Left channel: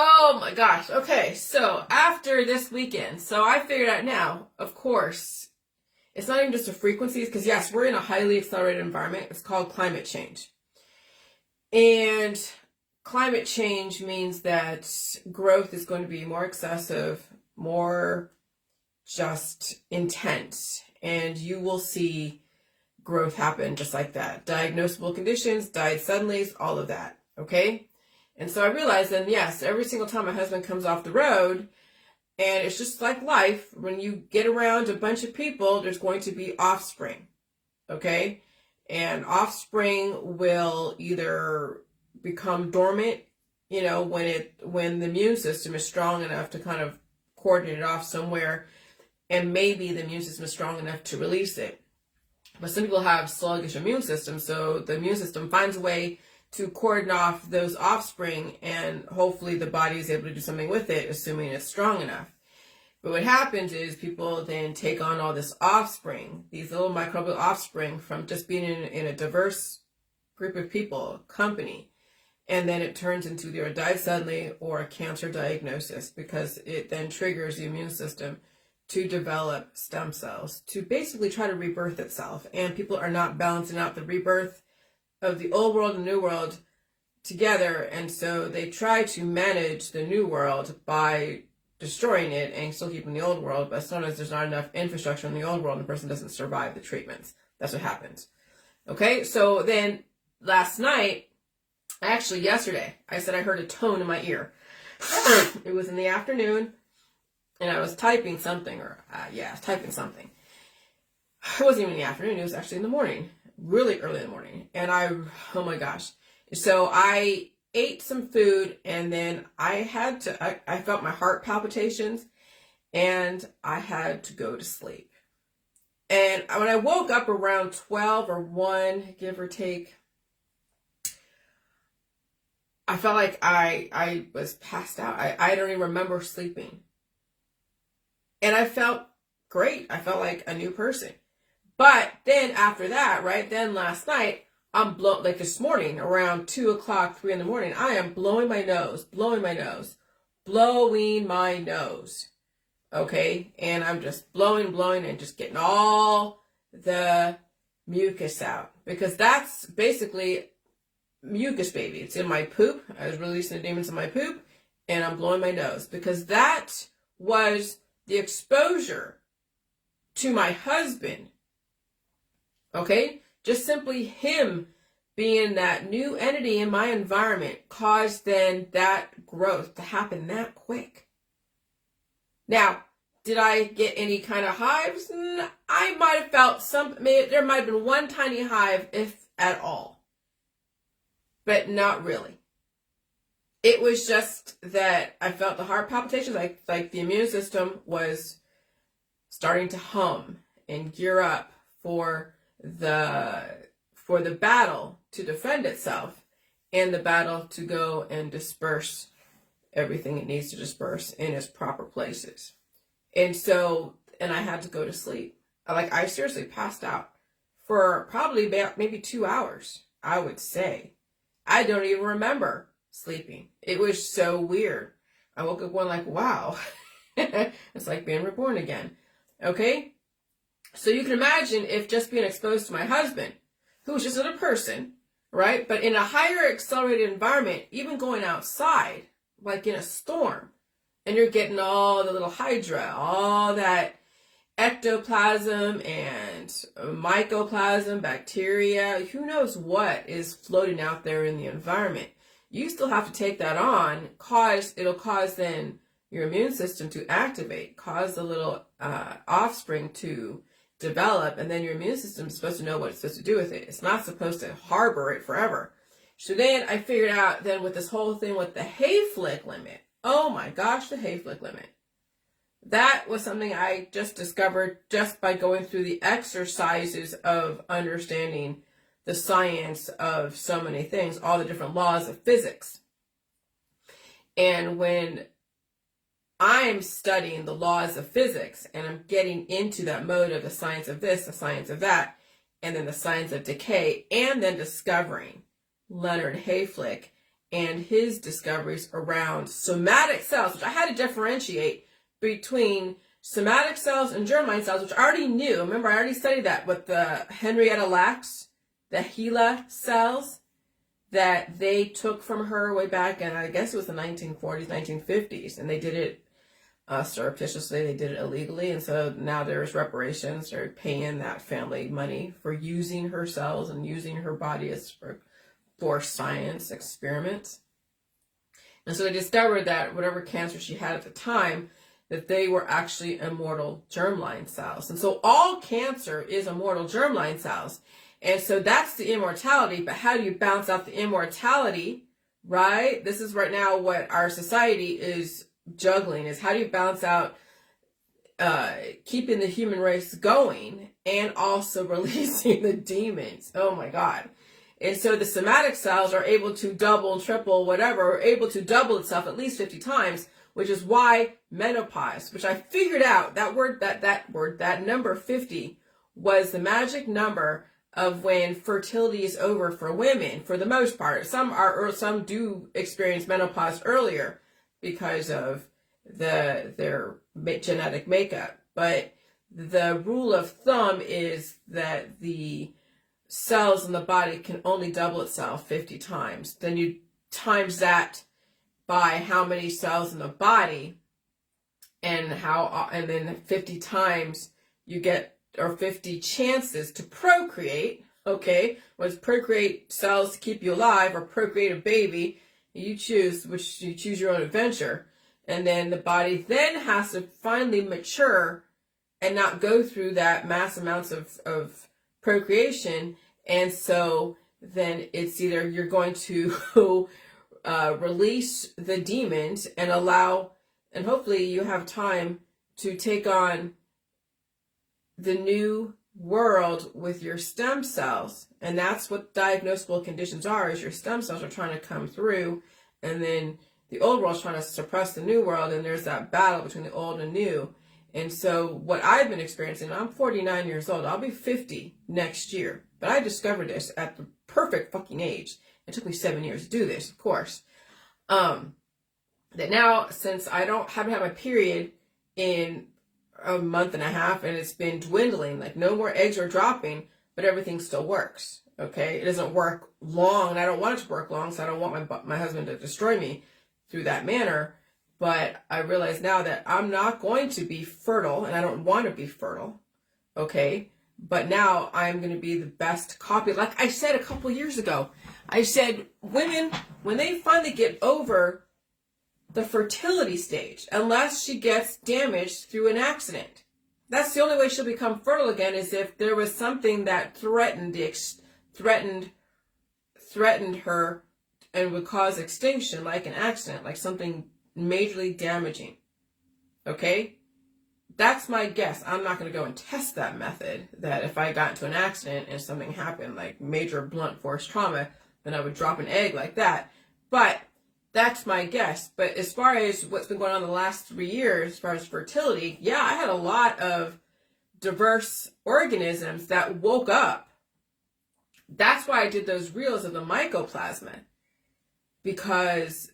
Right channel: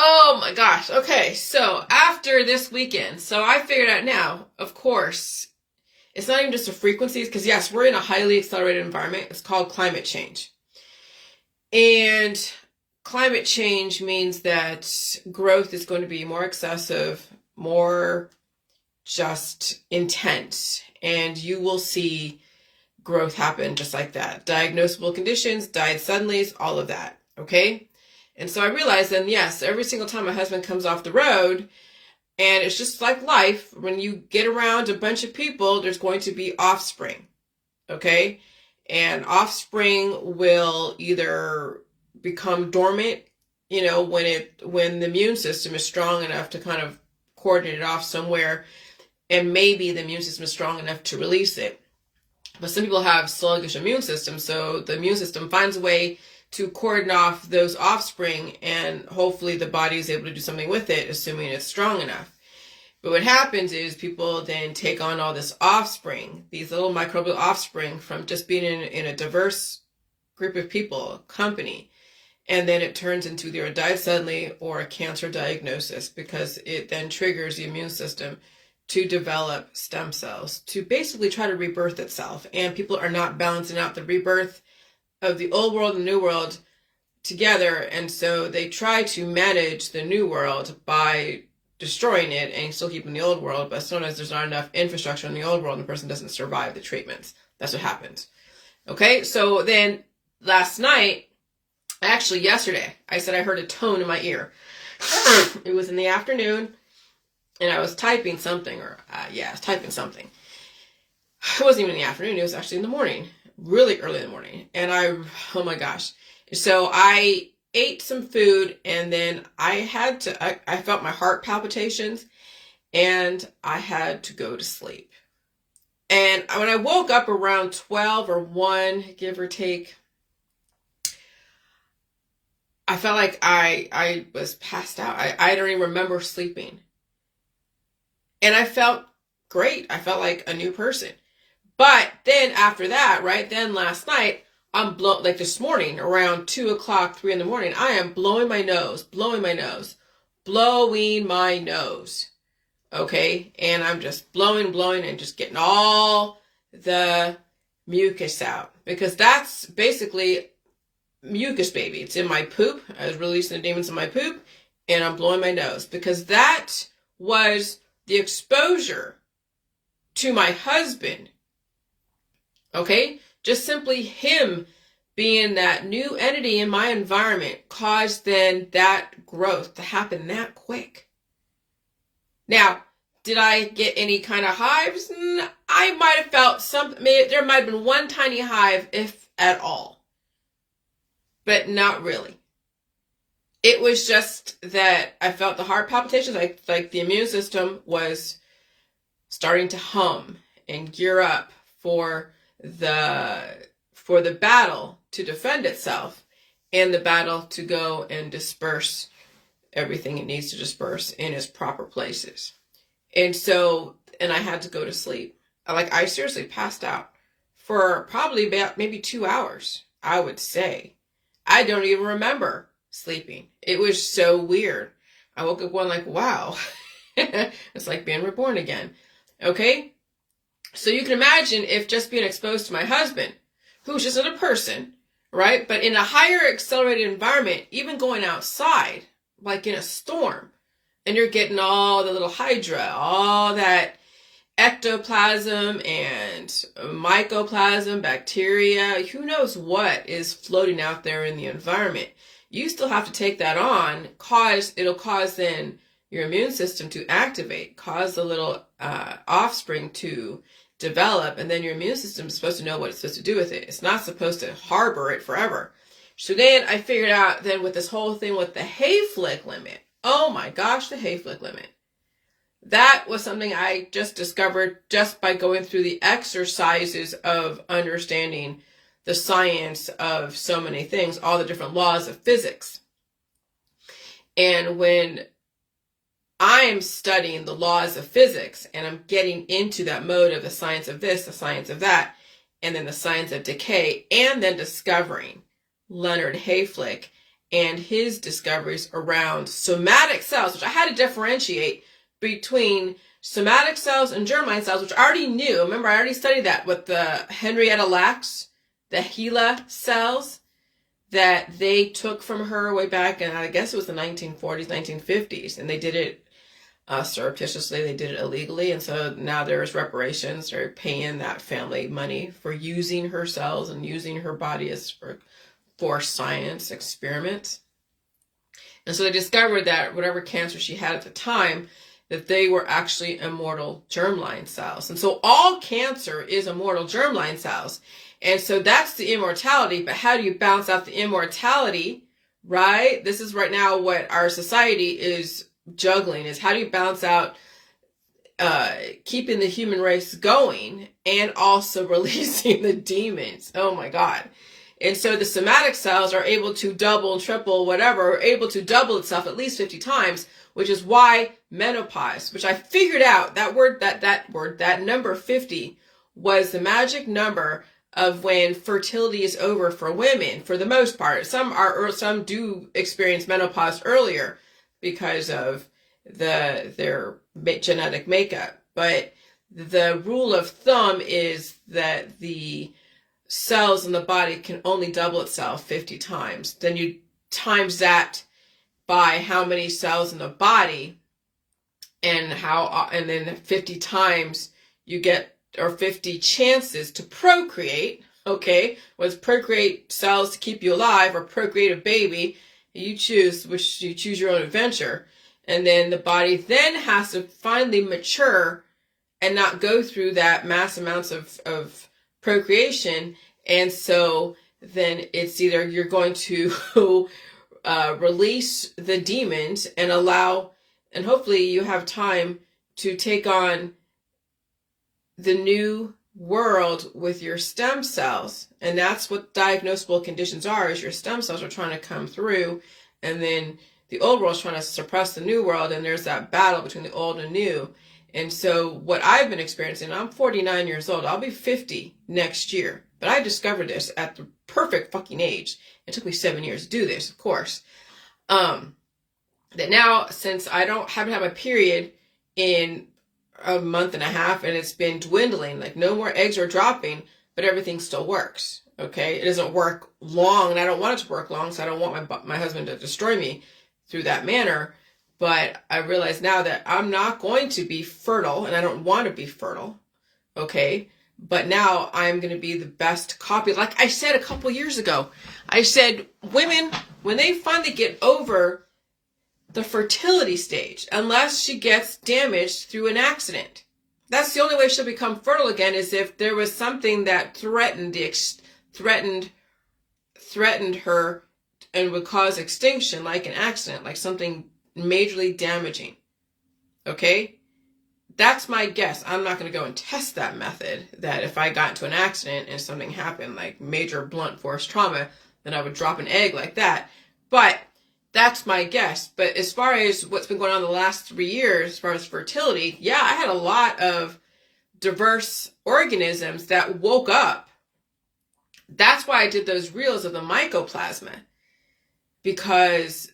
Oh my gosh. Okay, so after this weekend, so I figured out now, of course, it's not even just the frequencies, because yes, we're in a highly accelerated environment. It's called climate change. And climate change means that growth is going to be more excessive, more just intense, and you will see growth happen just like that. Diagnosable conditions, died suddenly, all of that. Okay? And so I realized then, yes, every single time my husband comes off the road, and it's just like life, when you get around a bunch of people, there's going to be offspring. Okay? And offspring will either become dormant, when the immune system is strong enough to kind of cordon it off somewhere, and maybe the immune system is strong enough to release it. But some people have sluggish immune systems, so the immune system finds a way to cordon off those offspring, and hopefully the body is able to do something with it, assuming it's strong enough. But what happens is people then take on all this offspring, these little microbial offspring from just being in a diverse group of people, company, and then it turns into either a died suddenly or a cancer diagnosis, because it then triggers the immune system to develop stem cells to basically try to rebirth itself. And people are not balancing out the rebirth of the old world and new world together, and so they try to manage the new world by destroying it and still keeping the old world, but sometimes there's not enough infrastructure in the old world and the person doesn't survive the treatments. That's what happens. Okay, so then last night, actually yesterday, I said I heard a tone in my ear. It was in the afternoon, and I was typing something, I was typing something. It wasn't even in the afternoon, it was actually in the morning, really early in the morning. And oh my gosh. So I ate some food, and then I felt my heart palpitations, and I had to go to sleep. And when I woke up around 12 or 1, give or take, I felt like I was passed out. I don't even remember sleeping. And I felt great. I felt like a new person. But then after that, right, then last night, like this morning, around 2 o'clock, 3 in the morning, I am blowing my nose. Okay? And I'm just blowing, and just getting all the mucus out. Because that's basically mucus, baby. It's in my poop. I was releasing the demons in my poop, and I'm blowing my nose. Because that was the exposure to my husband. Okay? Just simply him being that new entity in my environment caused then that growth to happen that quick. Now, did I get any kind of hives? I might have felt something. There might have been one tiny hive, if at all. But not really. It was just that I felt the heart palpitations, like the immune system was starting to hum and gear up for the battle to defend itself, and the battle to go and disperse everything it needs to disperse in its proper places. And I had to go to sleep. I seriously passed out for probably about maybe 2 hours, I would say. I don't even remember sleeping. It was so weird. I woke up going like, wow, it's like being reborn again. Okay? So you can imagine if just being exposed to my husband, who's just another person, right? But in a higher accelerated environment, even going outside, like in a storm, and you're getting all the little hydra, all that ectoplasm and mycoplasm, bacteria, who knows what is floating out there in the environment. You still have to take that on, it'll cause then your immune system to activate, cause the little offspring to develop, and then your immune system is supposed to know what it's supposed to do with it. It's not supposed to harbor it forever. So then I figured out then with this whole thing with the Hayflick limit. Oh my gosh, the Hayflick limit. That was something I just discovered just by going through the exercises of understanding the science of so many things, all the different laws of physics. And when I'm studying the laws of physics, and I'm getting into that mode of the science of this, the science of that, and then the science of decay, and then discovering Leonard Hayflick and his discoveries around somatic cells, which I had to differentiate between somatic cells and germline cells, which I already knew. Remember, I already studied that with the Henrietta Lacks, the HeLa cells that they took from her way back, and I guess it was the 1940s, 1950s, and they did it surreptitiously, they did it illegally, and so now there's reparations. They're paying that family money for using her cells and using her body as for science experiments. And so they discovered that whatever cancer she had at the time, that they were actually immortal germline cells. And so all cancer is immortal germline cells. And so that's the immortality. But how do you balance out the immortality, right? This is right now what our society is juggling, is how do you balance out keeping the human race going and also releasing the demons? Oh my God. And so the somatic cells are able to double, triple, whatever, are able to double itself at least 50 times, which is why menopause, which I figured out that number 50 was the magic number of when fertility is over for women, for the most part. Some do experience menopause earlier because of their genetic makeup. But the rule of thumb is that the cells in the body can only double itself 50 times. Then you times that by how many cells in the body, and then 50 times you get, or 50 chances to procreate. Okay, whether it's procreate cells to keep you alive or procreate a baby, you choose your own adventure. And then the body then has to finally mature and not go through that mass amounts of procreation. And so then it's either you're going to release the demons and allow, and hopefully you have time to take on the new world with your stem cells. And that's what diagnosable conditions are, is your stem cells are trying to come through, and then the old world's trying to suppress the new world, and there's that battle between the old and new. And so what I've been experiencing, I'm 49 years old, I'll be 50 next year, but I discovered this at the perfect fucking age. It took me 7 years to do this, of course. That now, since I haven't had my period in a month and a half, and it's been dwindling, like no more eggs are dropping, but everything still works. Okay, it doesn't work long, and I don't want it to work long, so I don't want my husband to destroy me through that manner. But I realize now that I'm not going to be fertile, and I don't want to be fertile. Okay, but now I'm going to be the best copy. Like I said a couple years ago, I said women, when they finally get over the fertility stage, unless she gets damaged through an accident, that's the only way she'll become fertile again, is if there was something that threatened her and would cause extinction, like an accident, like something majorly damaging. Okay? That's my guess. I'm not going to go and test that method, that if I got into an accident and something happened, like major blunt force trauma, then I would drop an egg like that. But that's my guess. But as far as what's been going on the last 3 years, as far as fertility, yeah, I had a lot of diverse organisms that woke up. That's why I did those reels of the mycoplasma. Because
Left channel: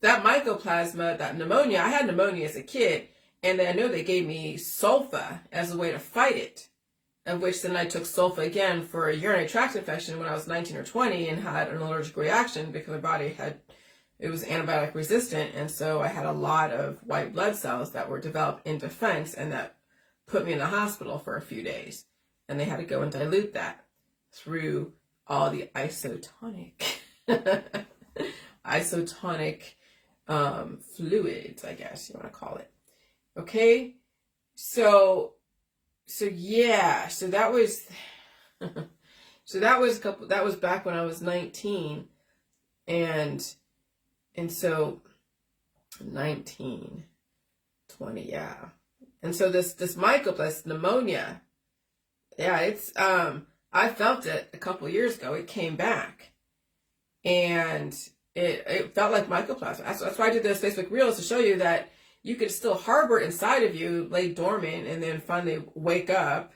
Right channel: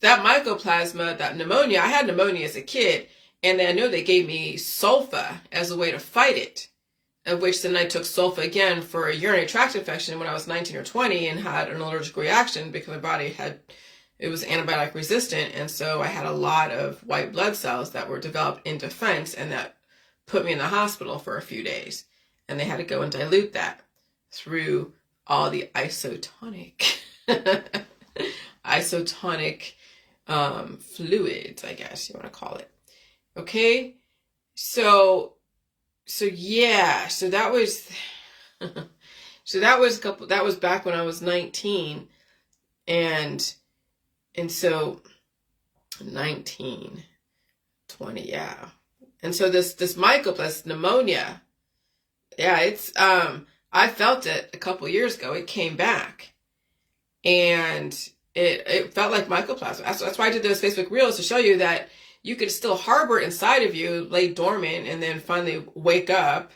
that mycoplasma, that pneumonia, I had pneumonia as a kid, and I know they gave me sulfa as a way to fight it, of which then I took sulfa again for a urinary tract infection when I was 19 or 20 and had an allergic reaction because my body it was antibiotic resistant, and so I had a lot of white blood cells that were developed in defense, and that put me in the hospital for a few days, and they had to go and dilute that through all the isotonic fluids, I guess you want to call it. Okay, so yeah, so that was that was back when I was 19, and so 19, 20, yeah. And so this mycoplasma pneumonia, yeah, it's I felt it a couple years ago. It came back, and it felt like mycoplasma. That's why I did those Facebook reels, to show you that you could still harbor it inside of you, lay dormant, and then finally wake up.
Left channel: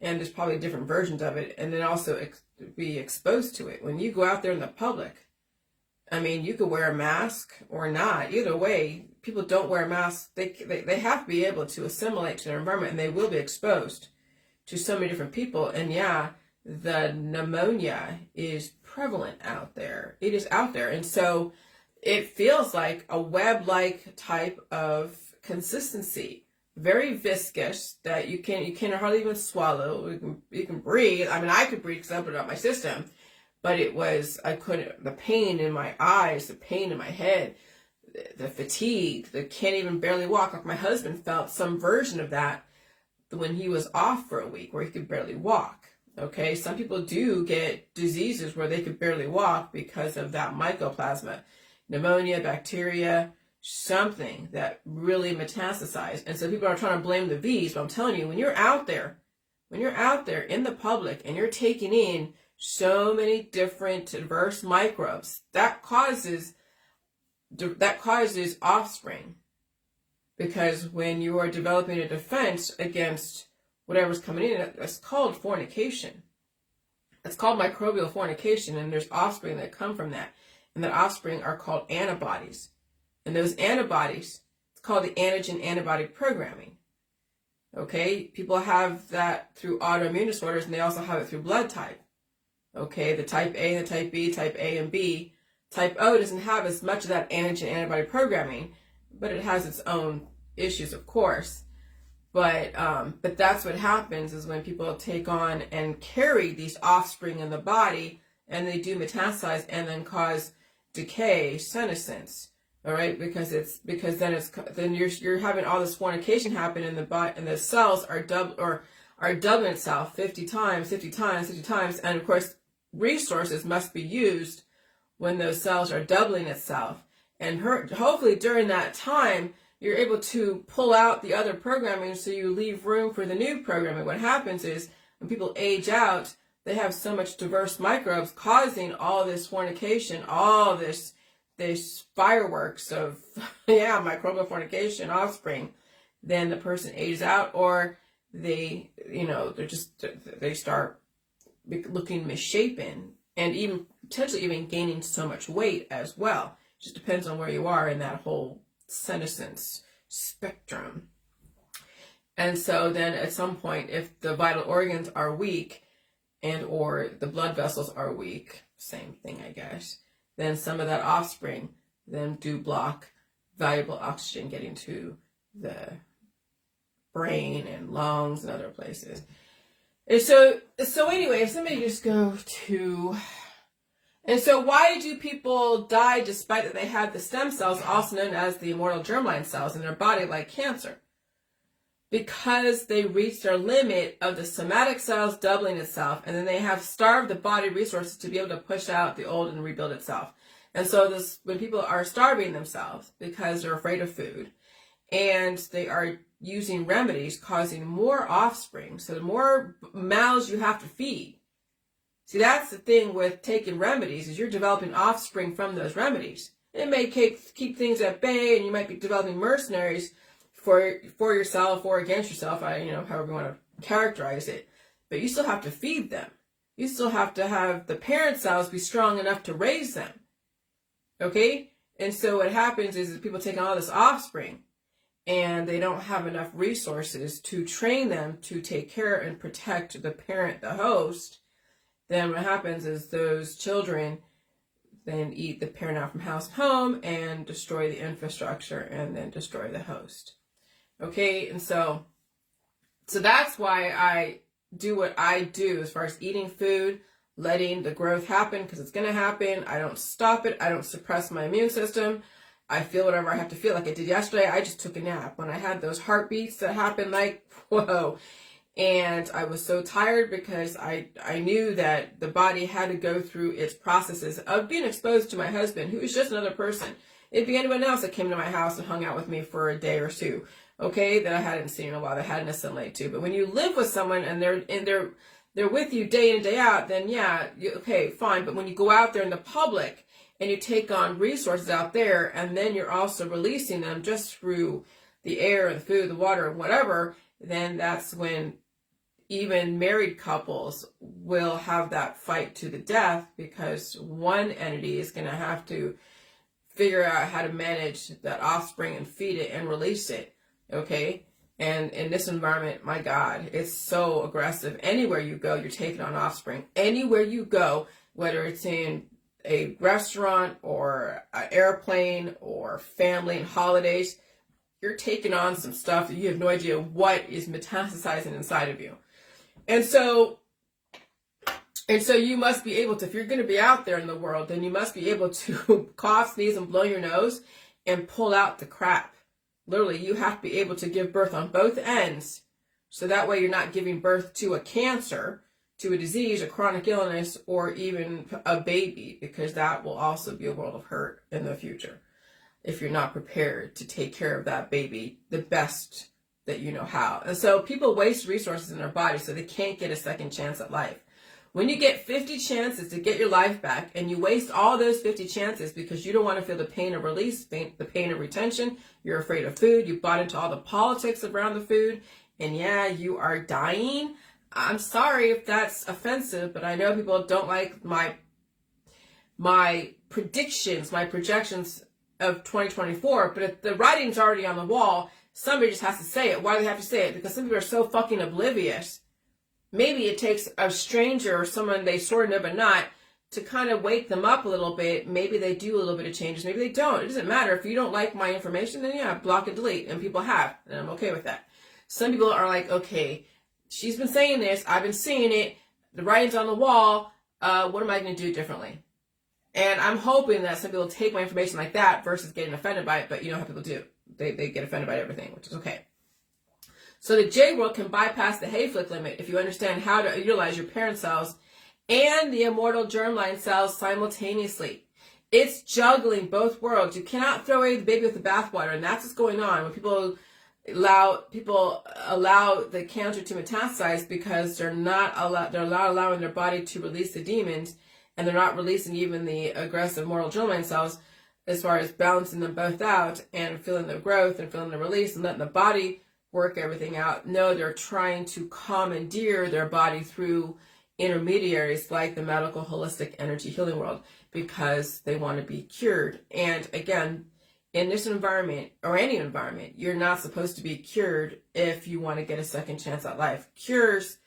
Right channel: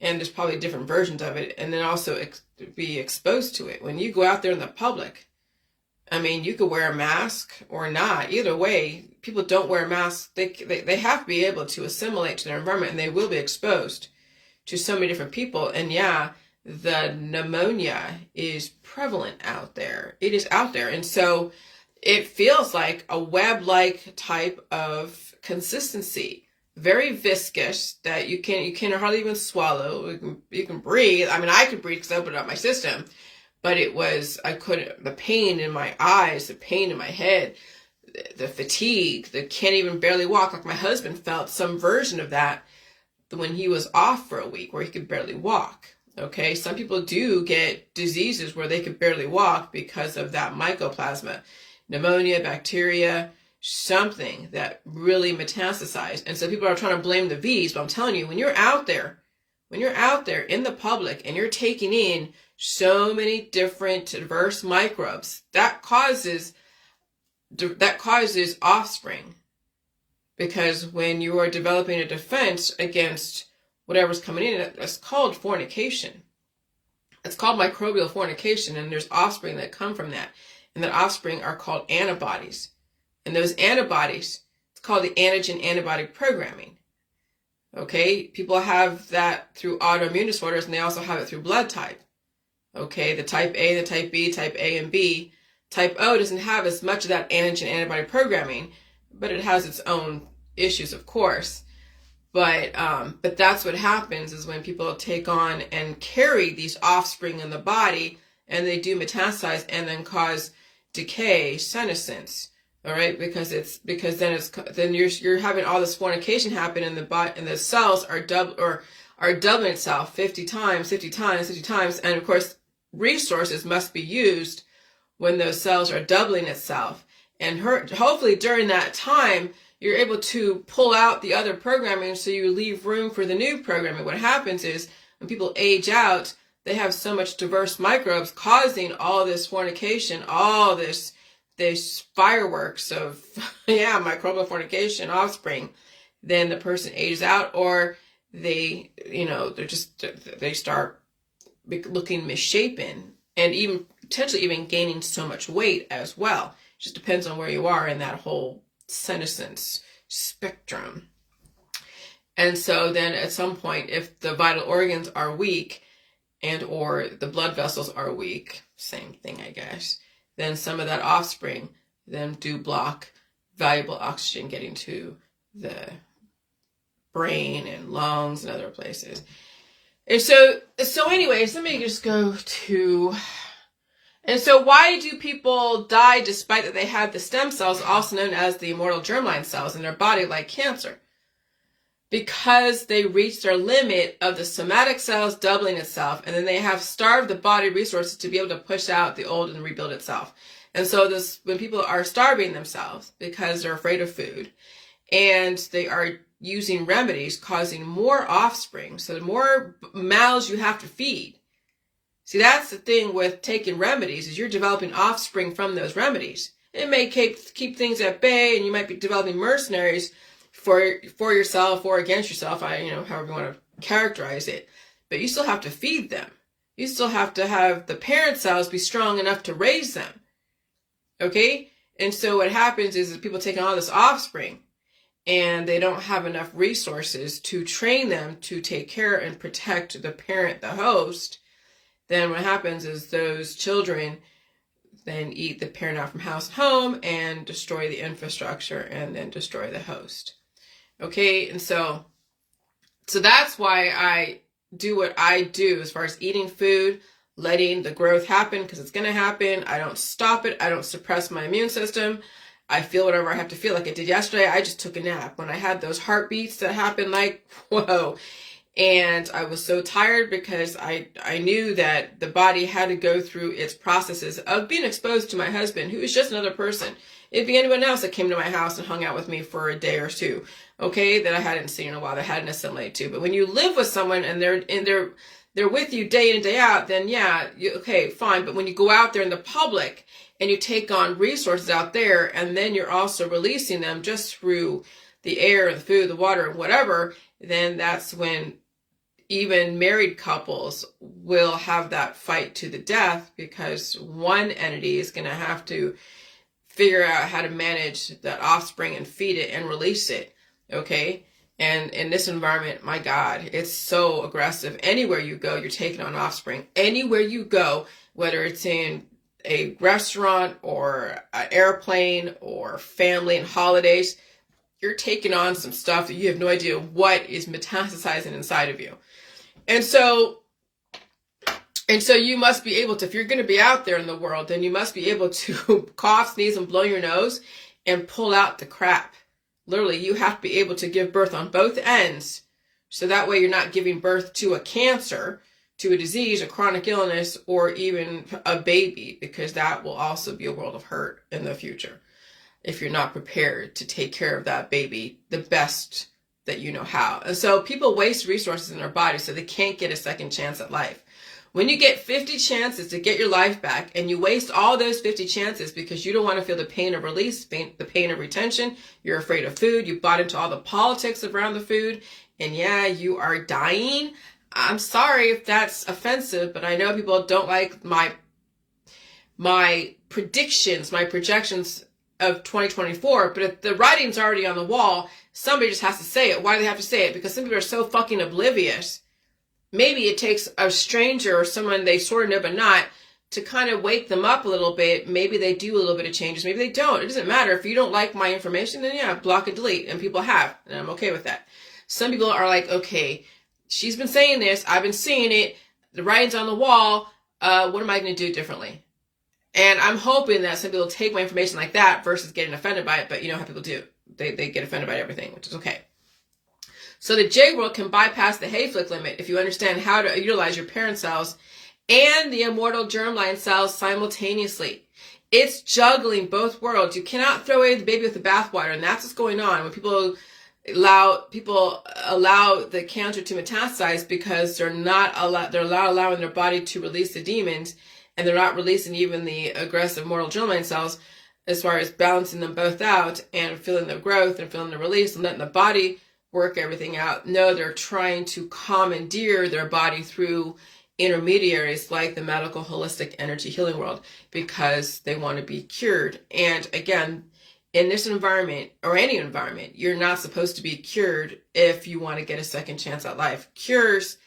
And there's probably different versions of it, and then also be exposed to it when you go out there in the public. I mean, you could wear a mask or not. Either way, people don't wear masks. They have to be able to assimilate to their environment, and they will be exposed to so many different people. And yeah, the pneumonia is prevalent out there. It is out there. And so it feels like a web-like type of consistency, very viscous, that you can hardly even swallow. You can breathe. I mean, I could breathe because I opened up my system, but I couldn't, the pain in my eyes, the pain in my head, the fatigue, the can't even barely walk. Like my husband felt some version of that when he was off for a week, where he could barely walk. Okay, some people do get diseases where they could barely walk because of that mycoplasma, pneumonia, bacteria, something that really metastasized. And so people are trying to blame the V's, but I'm telling you, when you're out there in the public and you're taking in so many different diverse microbes, that causes offspring. Because when you are developing a defense against whatever's coming in, it's called fornication. It's called microbial fornication, and there's offspring that come from that. And that offspring are called antibodies. And those antibodies, it's called the antigen-antibody programming. Okay? People have that through autoimmune disorders, and they also have it through blood type. Okay? The type A and the type B, type A and B. Type O doesn't have as much of that antigen-antibody programming, but it has its own issues, of course. But that's what happens, is when people take on and carry these offspring in the body, and they do metastasize and then cause decay, senescence. All right, because then you're having all this fornication happen in the body, and the cells are doubling itself 50 times, and of course resources must be used when those cells are doubling itself. And hopefully during that time, you're able to pull out the other programming so you leave room for the new programming. What happens is when people age out, they have so much diverse microbes causing all this fornication, all this fireworks of, microbial fornication, offspring. Then the person ages out, or they start looking misshapen, and even potentially even gaining so much weight as well. Just depends on where you are in that whole senescence spectrum. And so then at some point, if the vital organs are weak and or the blood vessels are weak, same thing, I guess, then some of that offspring then do block valuable oxygen getting to the brain and lungs and other places. And so anyways, let me just go to... And so why do people die despite that they had the stem cells, also known as the immortal germline cells, in their body like cancer? Because they reached their limit of the somatic cells doubling itself, and then they have starved the body resources to be able to push out the old and rebuild itself. And so when people are starving themselves because they're afraid of food, and they are using remedies causing more offspring, so the more mouths you have to feed. See, that's the thing with taking remedies, is you're developing offspring from those remedies. It may keep things at bay, and you might be developing mercenaries for yourself or against yourself, however you want to characterize it. But you still have to feed them. You still have to have the parent cells be strong enough to raise them. Okay? And so what happens is that people take on all this offspring, and they don't have enough resources to train them to take care and protect the parent, the host. Then what happens is those children then eat the parent out from house and home and destroy the infrastructure and then destroy the host. Okay, and so that's why I do what I do as far as eating food, letting the growth happen, because it's going to happen. I don't stop it. I don't suppress my immune system. I feel whatever I have to feel. Like I did yesterday, I just took a nap. When I had those heartbeats that happened, like, whoa. And I was so tired because I knew that the body had to go through its processes of being exposed to my husband, who is just another person. It'd be anyone else that came to my house and hung out with me for a day or two, okay, that I hadn't seen in a while, that I hadn't assimilated to. But when you live with someone and they're with you day in and day out, then yeah, okay, fine. But when you go out there in the public and you take on resources out there, and then you're also releasing them just through the air, the food, the water, whatever, then that's when even married couples will have that fight to the death because one entity is going to have to figure out how to manage that offspring and feed it and release it. Okay. And in this environment, my God, it's so aggressive. Anywhere you go, you're taking on offspring. Anywhere you go, whether it's in a restaurant or an airplane or family and holidays, you're taking on some stuff that you have no idea what is metastasizing inside of you. And so you must be able to, if you're going to be out there in the world, then you must be able to cough, sneeze, and blow your nose and pull out the crap. Literally, you have to be able to give birth on both ends. So that way you're not giving birth to a cancer, to a disease, a chronic illness, or even a baby, because that will also be a world of hurt in the future if you're not prepared to take care of that baby the best that you know how. And so people waste resources in their body so they can't get a second chance at life. When you get 50 chances to get your life back and you waste all those 50 chances because you don't want to feel the pain of release, the pain of retention, you're afraid of food, you bought into all the politics around the food, and yeah, you are dying. I'm sorry if that's offensive, but I know people don't like my predictions, my projections of 2024, but if the writing's already on the wall, somebody just has to say it. Why do they have to say it? Because some people are so fucking oblivious. Maybe it takes a stranger or someone they sort of know but not to kind of wake them up a little bit. Maybe they do a little bit of changes. Maybe they don't. It doesn't matter. If you don't like my information, then yeah, block and delete. And people have. And I'm okay with that. Some people are like, okay, she's been saying this. I've been seeing it. The writing's on the wall. What am I going to do differently? And I'm hoping that some people take my information like that versus getting offended by it. But you know how people do. They get offended by everything, which is okay. So the J world can bypass the Hayflick limit if you understand how to utilize your parent cells and the immortal germline cells simultaneously. It's juggling both worlds. You cannot throw away the baby with the bathwater, and that's what's going on when people allow the cancer to metastasize because they're not allowing their body to release the demons, and they're not releasing even the aggressive mortal germline cells as far as balancing them both out and feeling the growth and feeling the release and letting the body work everything out. No, they're trying to commandeer their body through intermediaries like the medical holistic energy healing world because they want to be cured. And again, in this environment or any environment, you're not supposed to be cured if you want to get a second chance at life. Cures,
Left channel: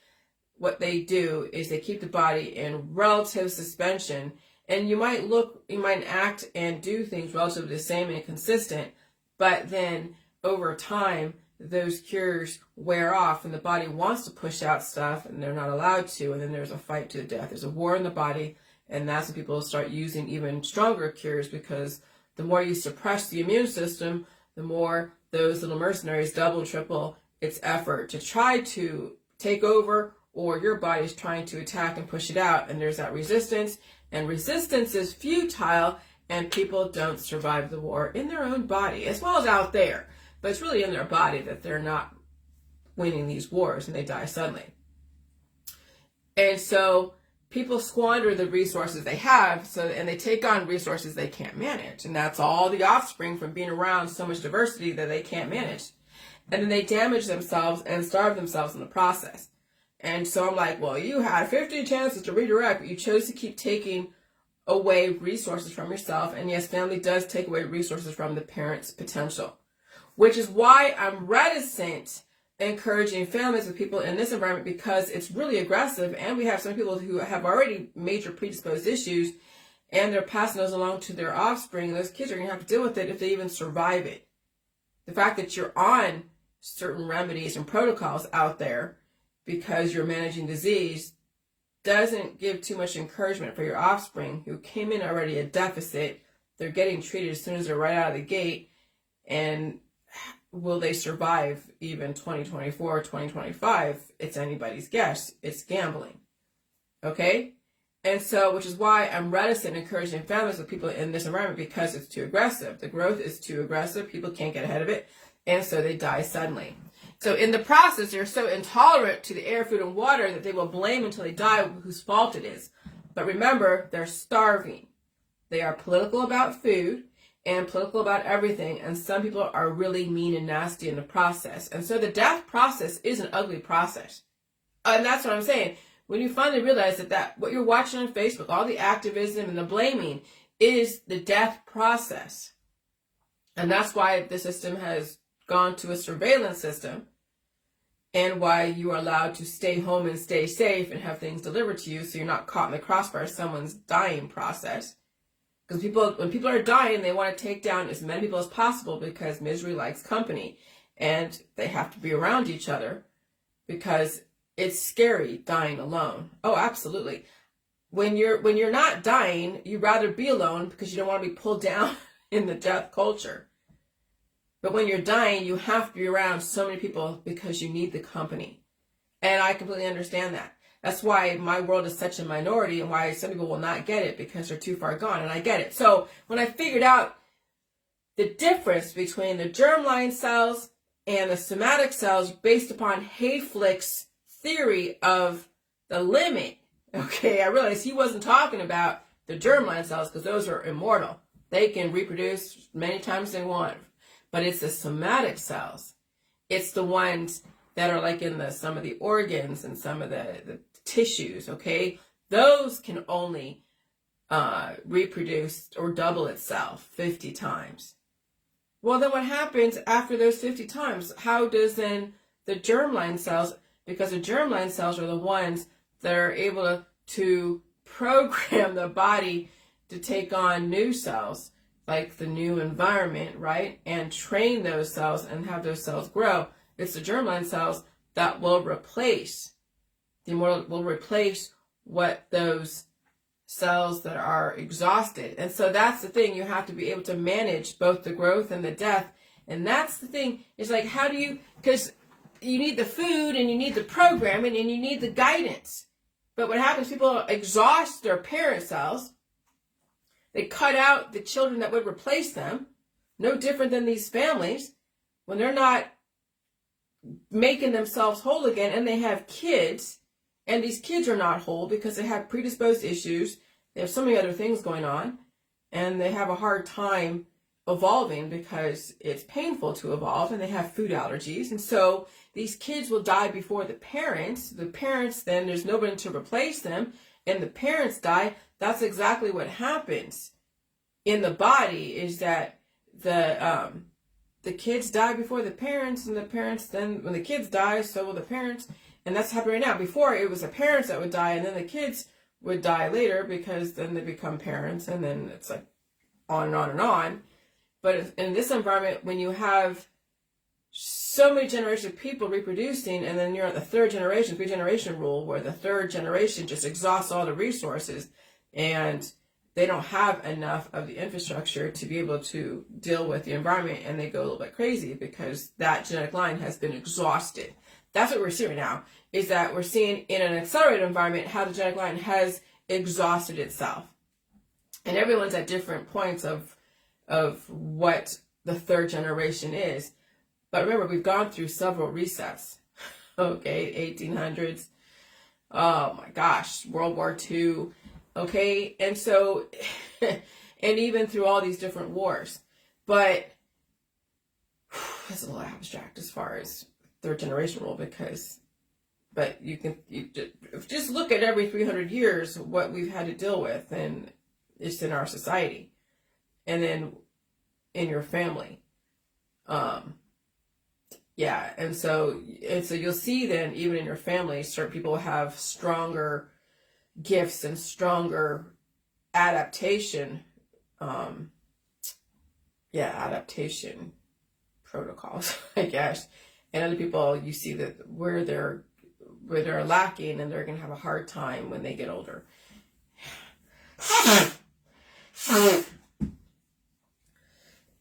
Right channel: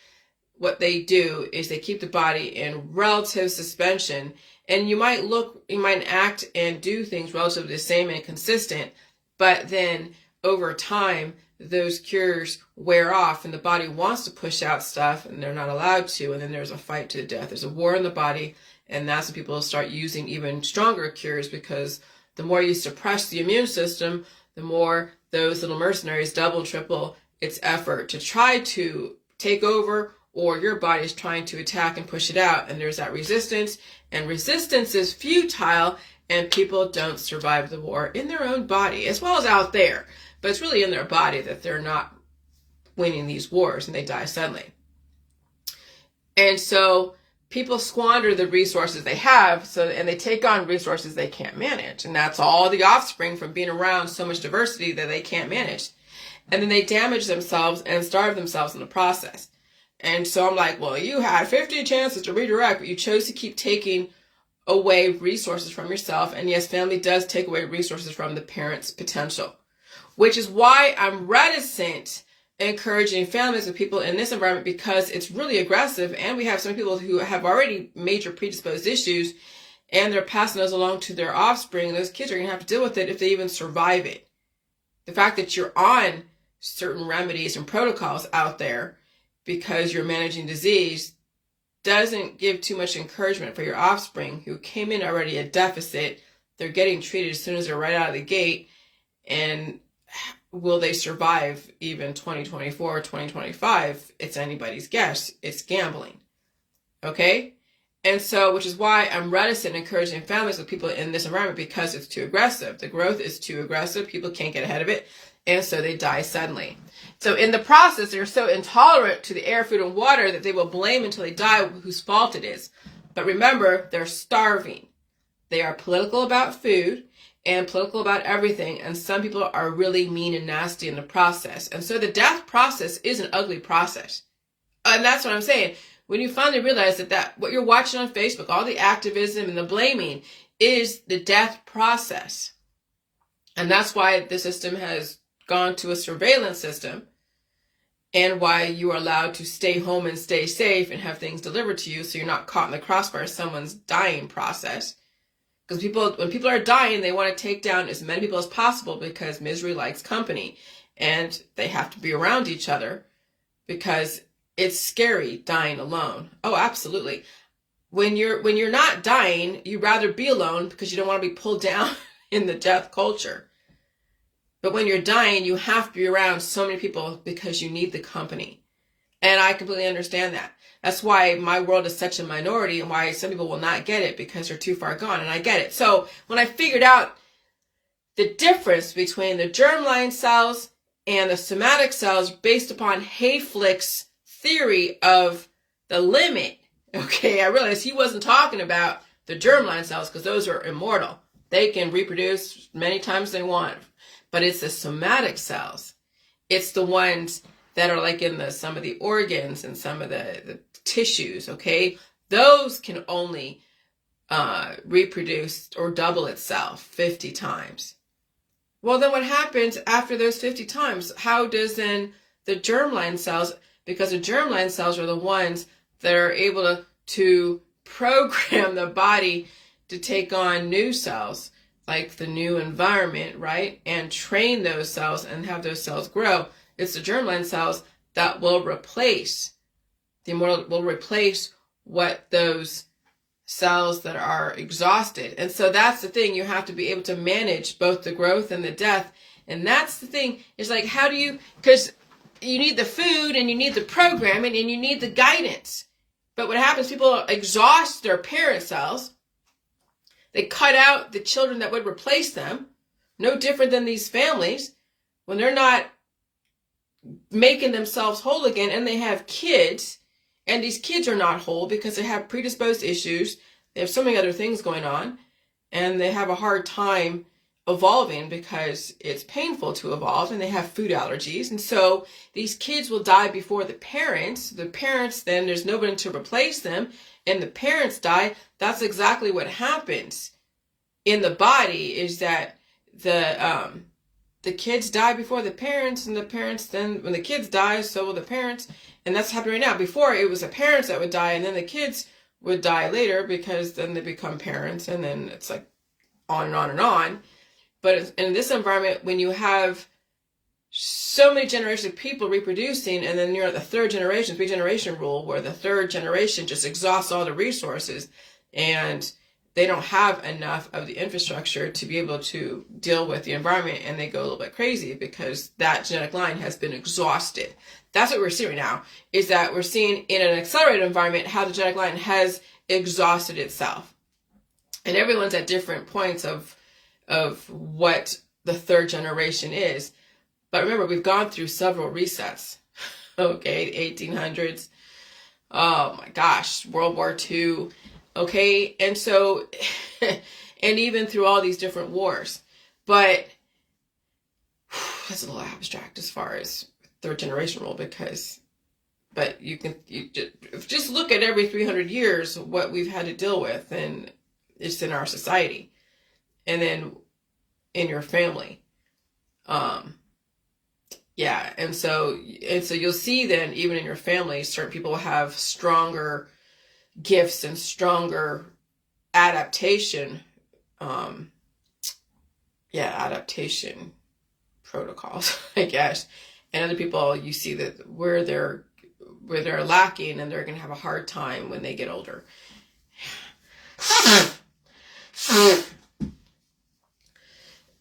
what they do is they keep the body in relative suspension, and you might act and do things relatively the same and consistent, but then over time, those cures wear off and the body wants to push out stuff and they're not allowed to, and then there's a fight to the death. There's a war in the body, and that's when people start using even stronger cures, because the more you suppress the immune system, the more those little mercenaries double, triple its effort to try to take over, or your body is trying to attack and push it out, and there's that resistance, and resistance is futile, and people don't survive the war in their own body as well as out there. But it's really in their body that they're not winning these wars and they die suddenly. And so people squander the resources they have, and they take on resources they can't manage. And that's all the offspring from being around so much diversity that they can't manage. And then they damage themselves and starve themselves in the process. And so I'm like, well, you had 50 chances to redirect, but you chose to keep taking away resources from yourself. And yes, family does take away resources from the parent's potential, which is why I'm reticent encouraging families with people in this environment, because it's really aggressive, and we have some people who have already major predisposed issues, and they're passing those along to their offspring. Those kids are going to have to deal with it if they even survive it. The fact that you're on certain remedies and protocols out there because you're managing disease doesn't give too much encouragement for your offspring who came in already a deficit. They're getting treated as soon as they're right out of the gate, and will they survive even 2024 or 2025? It's anybody's guess. It's gambling. Okay? And so, which is why I'm reticent encouraging families with people in this environment, because it's too aggressive. The growth is too aggressive. People can't get ahead of it. And so they die suddenly. So in the process, they're so intolerant to the air, food, and water that they will blame until they die whose fault it is. But remember, they're starving. They are political about food and political about everything, and some people are really mean and nasty in the process. And so the death process is an ugly process. And that's what I'm saying. When you finally realize that what you're watching on Facebook, all the activism and the blaming, is the death process. And that's why the system has gone to a surveillance system, and why you are allowed to stay home and stay safe and have things delivered to you so you're not caught in the crossfire of someone's dying process. Because when people are dying, they want to take down as many people as possible because misery likes company. And they have to be around each other because it's scary dying alone. Oh, absolutely. When you're not dying, you'd rather be alone because you don't want to be pulled down in the death culture. But when you're dying, you have to be around so many people because you need the company. And I completely understand that. That's why my world is such a minority and why some people will not get it because they're too far gone. And I get it. So when I figured out the difference between the germline cells and the somatic cells based upon Hayflick's theory of the limit, okay, I realized he wasn't talking about the germline cells because those are immortal. They can reproduce many times they want. But it's the somatic cells. It's the ones that are like in some of the organs and some of the tissues, okay? Those can only reproduce or double itself 50 times. Well, then what happens after those 50 times? How does then the germline cells, because the germline cells are the ones that are able to program the body to take on new cells, like the new environment, right? And train those cells and have those cells grow. It's the germline cells that will replace, the immortal will replace what those cells that are exhausted. And so that's the thing. You have to be able to manage both the growth and the death. And that's the thing. It's like, how do you, because you need the food and you need the programming and you need the guidance. But what happens, people exhaust their parent cells. They cut out the children that would replace them. No different than these families when they're not making themselves whole again and they have kids and these kids are not whole because they have predisposed issues. They have so many other things going on and they have a hard time evolving because it's painful to evolve and they have food allergies. And so these kids will die before the parents. The parents, then there's nobody to replace them and the parents die. That's exactly what happens in the body, is that the kids die before the parents, and the parents then, when the kids die, so will the parents. And that's happening right now. Before, it was the parents that would die, and then the kids would die later because then they become parents, and then it's like on and on and on. But in this environment, when you have so many generations of people reproducing, and then you're at the third generation, 3-generation rule, where the third generation just exhausts all the resources, and they don't have enough of the infrastructure to be able to deal with the environment, and they go a little bit crazy because that genetic line has been exhausted. That's what we're seeing right now, is that we're seeing in an accelerated environment how the genetic line has exhausted itself. And everyone's at different points of what the third generation is. But remember, we've gone through several resets. Okay, the 1800s. Oh my gosh, World War II. Okay, and so, and even through all these different wars. But that's a little abstract as far as third generation rule, but you just look at every 300 years what we've had to deal with, and it's in our society, and then in your family. Yeah, and so you'll see then even in your family, certain people have stronger gifts and stronger adaptation adaptation protocols, I guess. And other people, you see that where they're lacking, and they're going to have a hard time when they get older.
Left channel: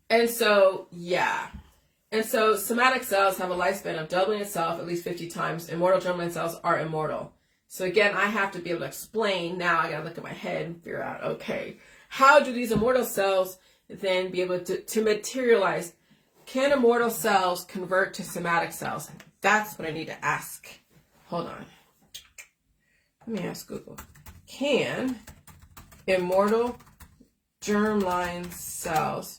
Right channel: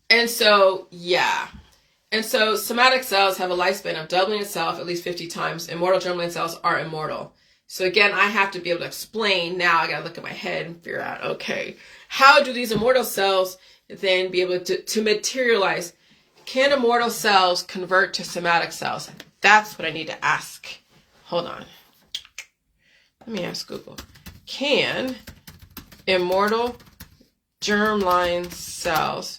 And so, yeah. And so somatic cells have a lifespan of doubling itself at least 50 times. Immortal germline cells are immortal. So again, I have to be able to explain. Now I got to look at my head and figure out, okay, how do these immortal cells then be able to materialize? Can immortal cells convert to somatic cells? That's what I need to ask. Hold on. Let me ask Google. Can immortal germline cells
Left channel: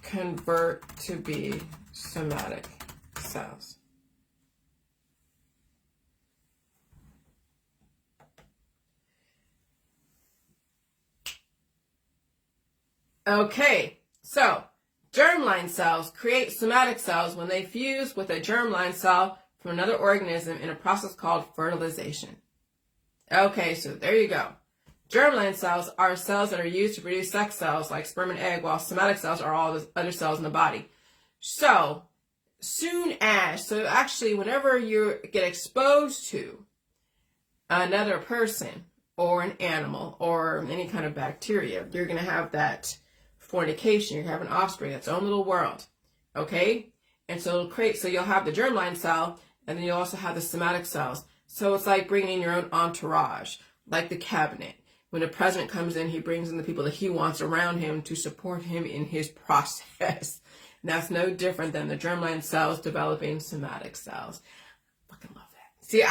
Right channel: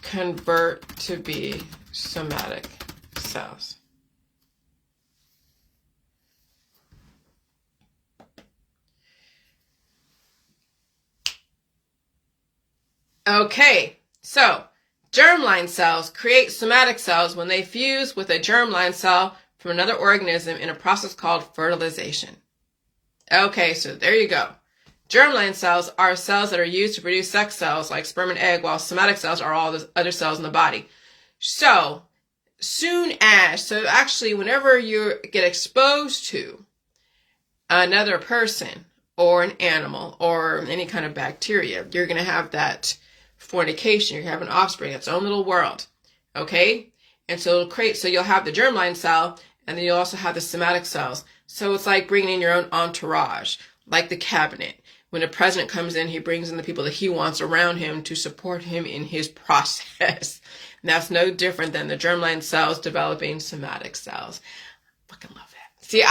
convert to be somatic cells? Okay, so germline cells create somatic cells when they fuse with a germline cell from another organism in a process called fertilization. Okay, so there you go. Germline cells are cells that are used to produce sex cells like sperm and egg, while somatic cells are all the other cells in the body. So actually, whenever you get exposed to another person or an animal or any kind of bacteria, you're going to have that fornication. You're having offspring, its own little world. Okay? And so you'll have the germline cell, and then you'll also have the somatic cells. So it's like bringing in your own entourage, like the cabinet. When the president comes in, he brings in the people that he wants around him to support him in his process. And that's no different than the germline cells developing somatic cells. Fucking love that. See,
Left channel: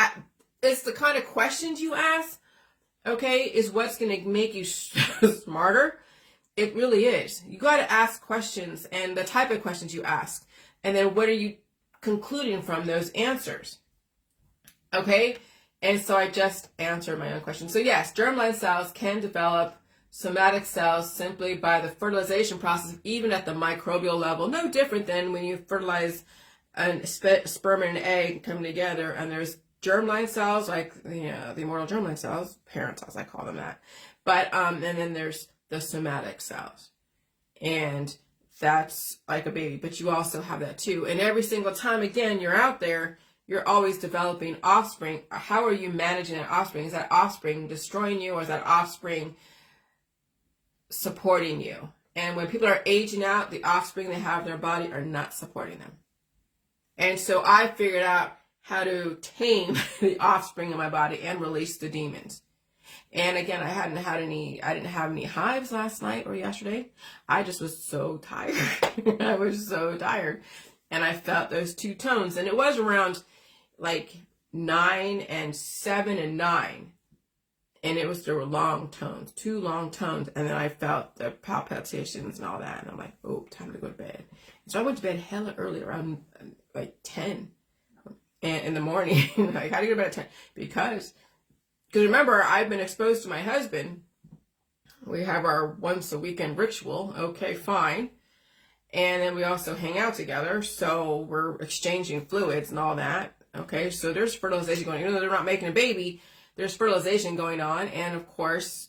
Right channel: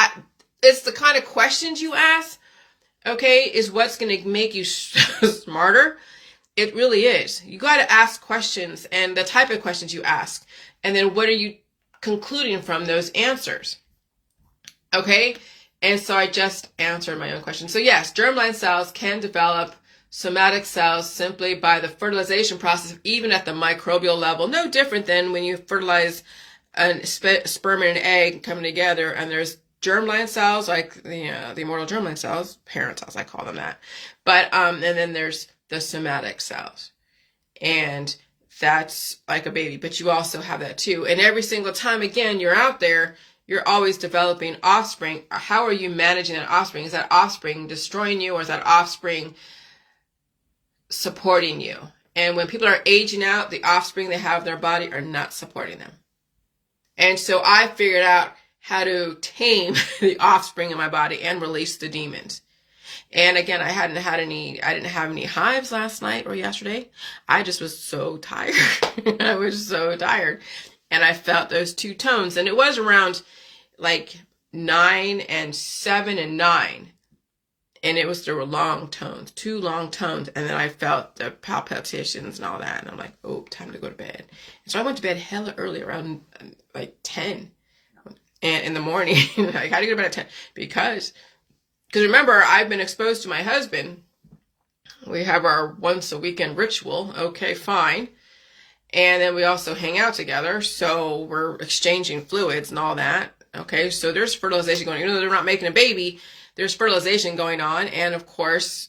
it's the kind of questions you ask, okay, is what's going to make you smarter. It really is. You got to ask questions, and the type of questions you ask. And then what are you concluding from those answers? Okay? And so I just answered my own question. So yes, germline cells can develop somatic cells simply by the fertilization process, even at the microbial level. No different than when you fertilize a sperm and an egg coming together, and there's germline cells, like the immortal germline cells, parent cells, I call them that. But and then there's the somatic cells, and that's like a baby. But you also have that too. And every single time, again, you're out there, you're always developing offspring. How are you managing that offspring? Is that offspring destroying you, or is that offspring supporting you? And when people are aging out, the offspring they have in their body are not supporting them. And so I figured out how to tame the offspring in my body and release the demons. And again, I didn't have any hives last night or yesterday. I just was so tired. I was so tired. And I felt those two tones. And it was around like 9 and 7 and 9. And there were long tones, 2 long tones. And then I felt the palpitations and all that. And I'm like, oh, time to go to bed. And so I went to bed hella early, around like 10 and in the morning. I had to go to bed at 10 because remember, I've been exposed to my husband. We have our once a weekend ritual. Okay, fine. And then we also hang out together. So we're exchanging fluids and all that. Okay, so there's fertilization going on. Even though they're not making a baby, there's fertilization going on. And of course,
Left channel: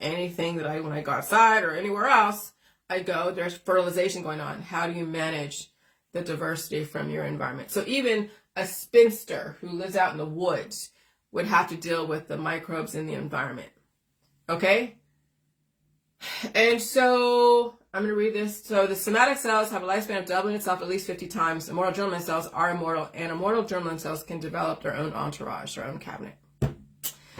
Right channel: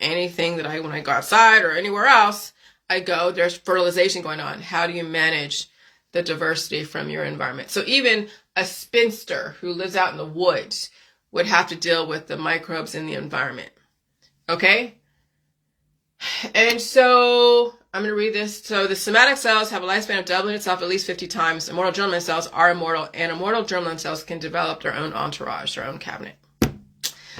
anything that when I go outside or anywhere else I go, there's fertilization going on. How do you manage the diversity from your environment? So even a spinster who lives out in the woods would have to deal with the microbes in the environment. Okay? And so I'm going to read this. So the somatic cells have a lifespan of doubling itself at least 50 times. Immortal germline cells are immortal, and immortal germline cells can develop their own entourage, their own cabinet.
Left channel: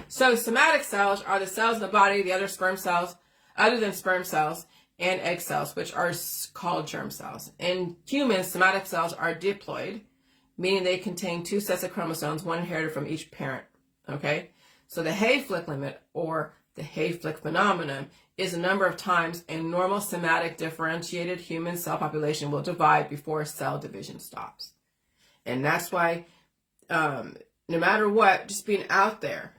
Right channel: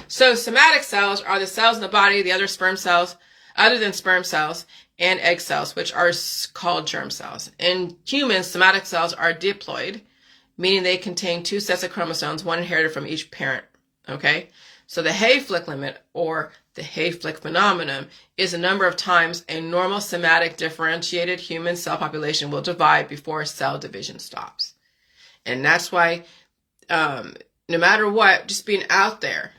So somatic cells are the cells in the body, the other sperm cells, other than sperm cells and egg cells, which are called germ cells. In humans, somatic cells are diploid, meaning they contain 2 sets of chromosomes, one inherited from each parent. Okay? So the Hayflick limit, or the Hayflick phenomenon, is the number of times a normal somatic differentiated human cell population will divide before cell division stops. And that's why no matter what, just being out there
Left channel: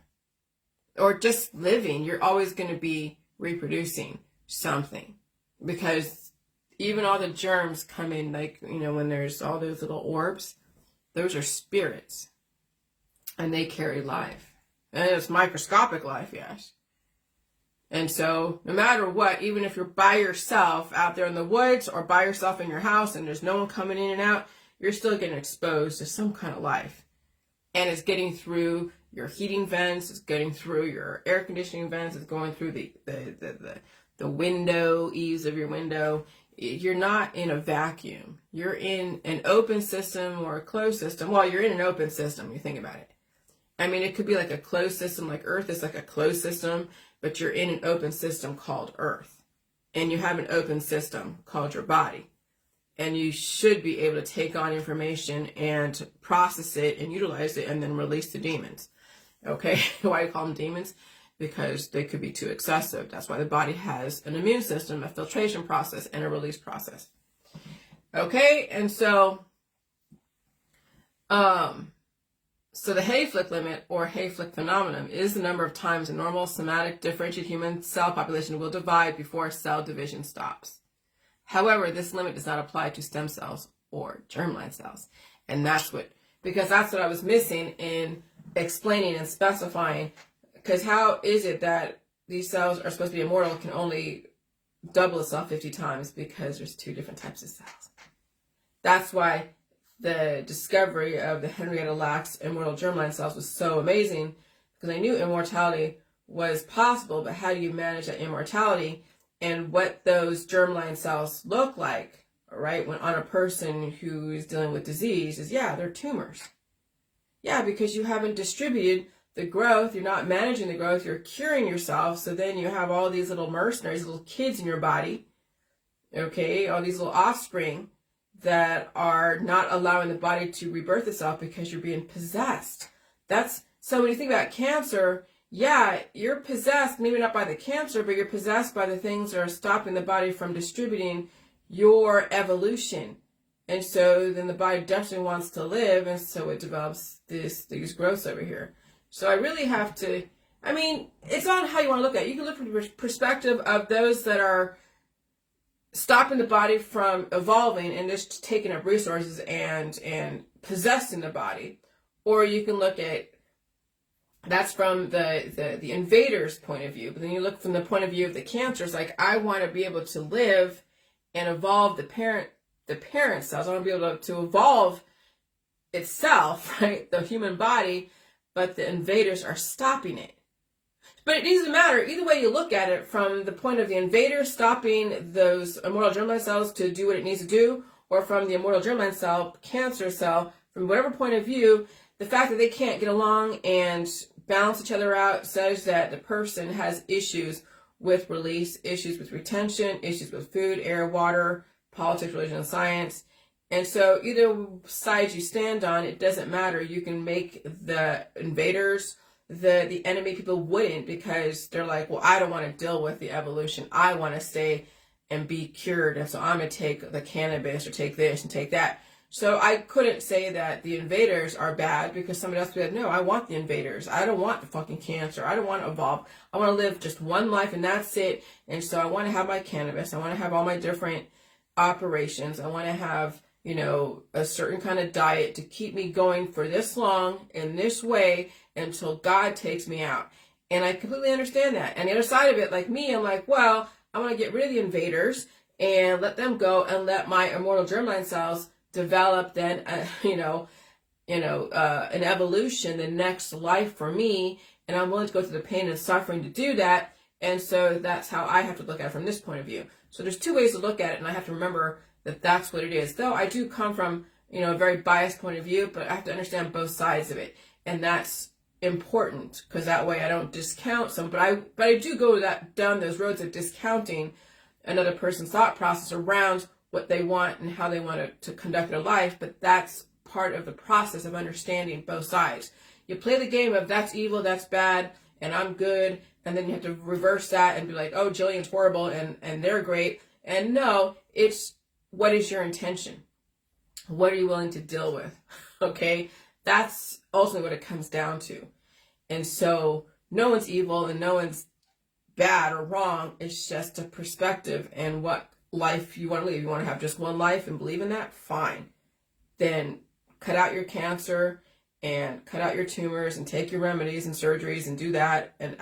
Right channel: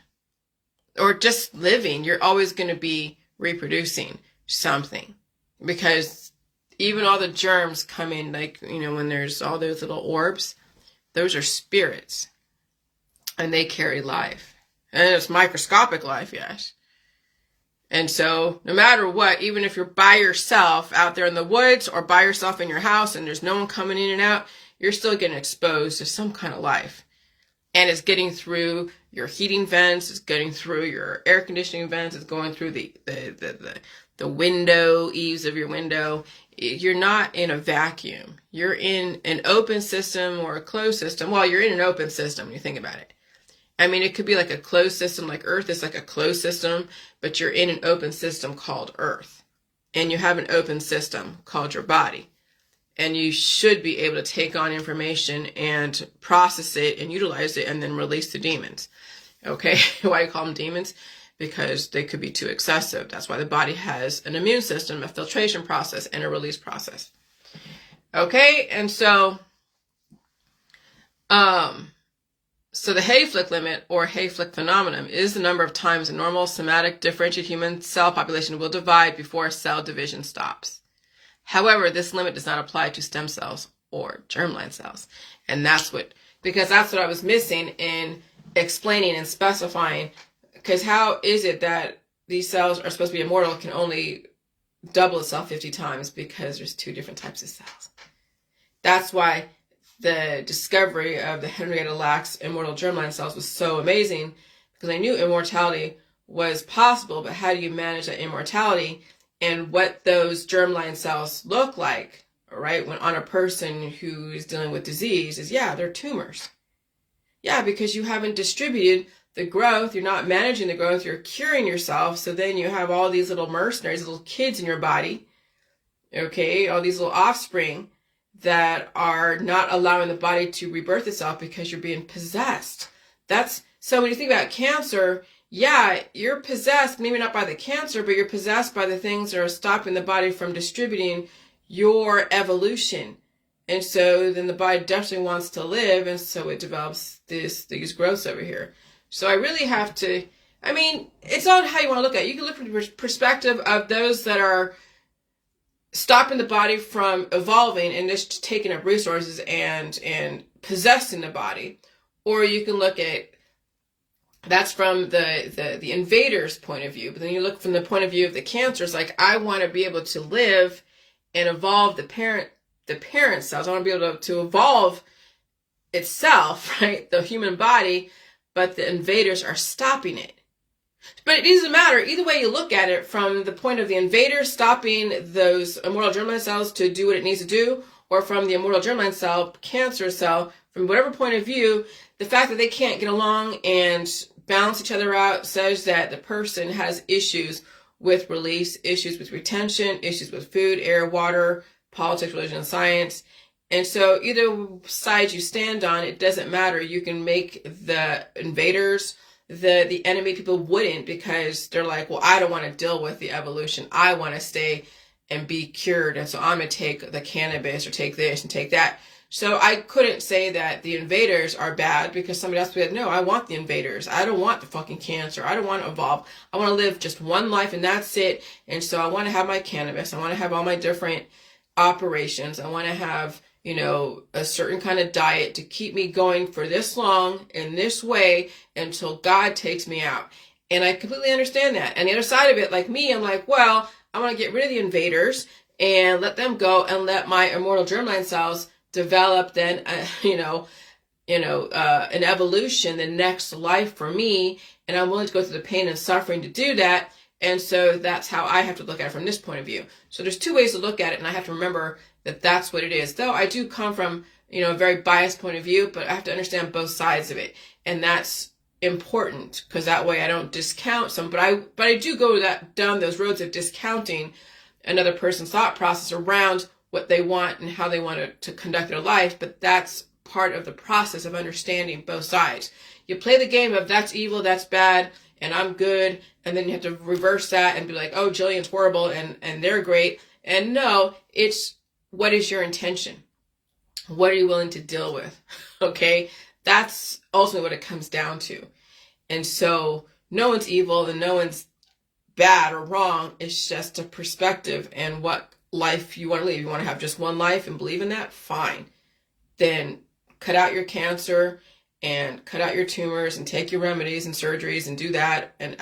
or just living, you're always going to be reproducing something, because even all the germs come in, like, when there's all those little orbs, those are spirits, and they carry life, and it's microscopic life, yes. And so no matter what, even if you're by yourself out there in the woods or by yourself in your house and there's no one coming in and out, you're still getting exposed to some kind of life. And it's getting through your heating vents, it's getting through your air conditioning vents, it's going through the window, eaves of your window. You're not in a vacuum. You're in an open system or a closed system. Well, you're in an open system when you think about it. I mean, it could be like a closed system, like Earth is like a closed system, but you're in an open system called Earth. And you have an open system called your body. And you should be able to take on information and process it and utilize it and then release the demons. Okay? Why do you call them demons? Because they could be too excessive. That's why the body has an immune system, a filtration process, and a release process. Okay? And so, So the Hayflick limit, or Hayflick phenomenon, is the number of times a normal somatic differentiated human cell population will divide before cell division stops. However, this limit does not apply to stem cells or germline cells. And because that's what I was missing in explaining and specifying. Because how is it that these cells are supposed to be immortal can only double itself 50 times? Because there's two different types of cells. That's why the discovery of the Henrietta Lacks immortal germline cells was so amazing, because I knew immortality was possible, but how do you manage that immortality? And what those germline cells look like, right, when on a person who's dealing with disease is, yeah, they're tumors. Yeah, because you haven't distributed the growth, you're not managing the growth, you're curing yourself, so then you have all these little mercenaries, little kids in your body, okay, all these little offspring that are not allowing the body to rebirth itself because you're being possessed. So when you think about cancer, yeah, you're possessed, maybe not by the cancer, but you're possessed by the things that are stopping the body from distributing your evolution. And so then the body definitely wants to live, and so it develops these growths over here. So I really have to, it's on how you want to look at it. You can look from the perspective of those that are stopping the body from evolving and just taking up resources and possessing the body. Or you can look at, that's from the invader's point of view. But then you look from the point of view of the cancer, it's like, I want to be able to live and evolve the parent cells. I want to be able to evolve itself, right? The human body, but the invaders are stopping it. But it doesn't matter. Either way you look at it, from the point of the invader stopping those immortal germline cells to do what it needs to do, or from the immortal germline cell, cancer cell, from whatever point of view, the fact that they can't get along and balance each other out says that the person has issues with release, issues with retention, issues with food, air, water, politics, religion, and science. And so either side you stand on, it doesn't matter. You can make the invaders the enemy. People wouldn't, because they're like, well, I don't want to deal with the evolution. I want to stay and be cured. And so I'm going to take the cannabis or take this and take that. So I couldn't say that the invaders are bad, because somebody else would say, no, I want the invaders. I don't want the fucking cancer. I don't want to evolve. I want to live just one life and that's it. And so I want to have my cannabis. I want to have all my different operations. I want to have, a certain kind of diet to keep me going for this long in this way until God takes me out. And I completely understand that. And the other side of it, like me, I'm like, well, I want to get rid of the invaders and let them go and let my immortal germline cells develop then, an evolution, the next life for me. And I'm willing to go through the pain and suffering to do that. And so that's how I have to look at it from this point of view. So there's two ways to look at it, and I have to remember that that's what it is. Though I do come from, a very biased point of view, but I have to understand both sides of it. And that's important, because that way I don't discount some, but I do go down those roads of discounting another person's thought process around what they want and how they want to conduct their life. But that's part of the process of understanding both sides. You play the game of that's evil, that's bad, and I'm good. And then you have to reverse that and be like, oh, Jillian's horrible and they're great. And no, it's, what is your intention? What are you willing to deal with? Okay. That's ultimately what it comes down to. And so no one's evil and no one's bad or wrong. It's just a perspective and what life you want to live. You want to have just one life and believe in that? Fine. Then cut out your cancer and cut out your tumors and take your remedies and surgeries and do that and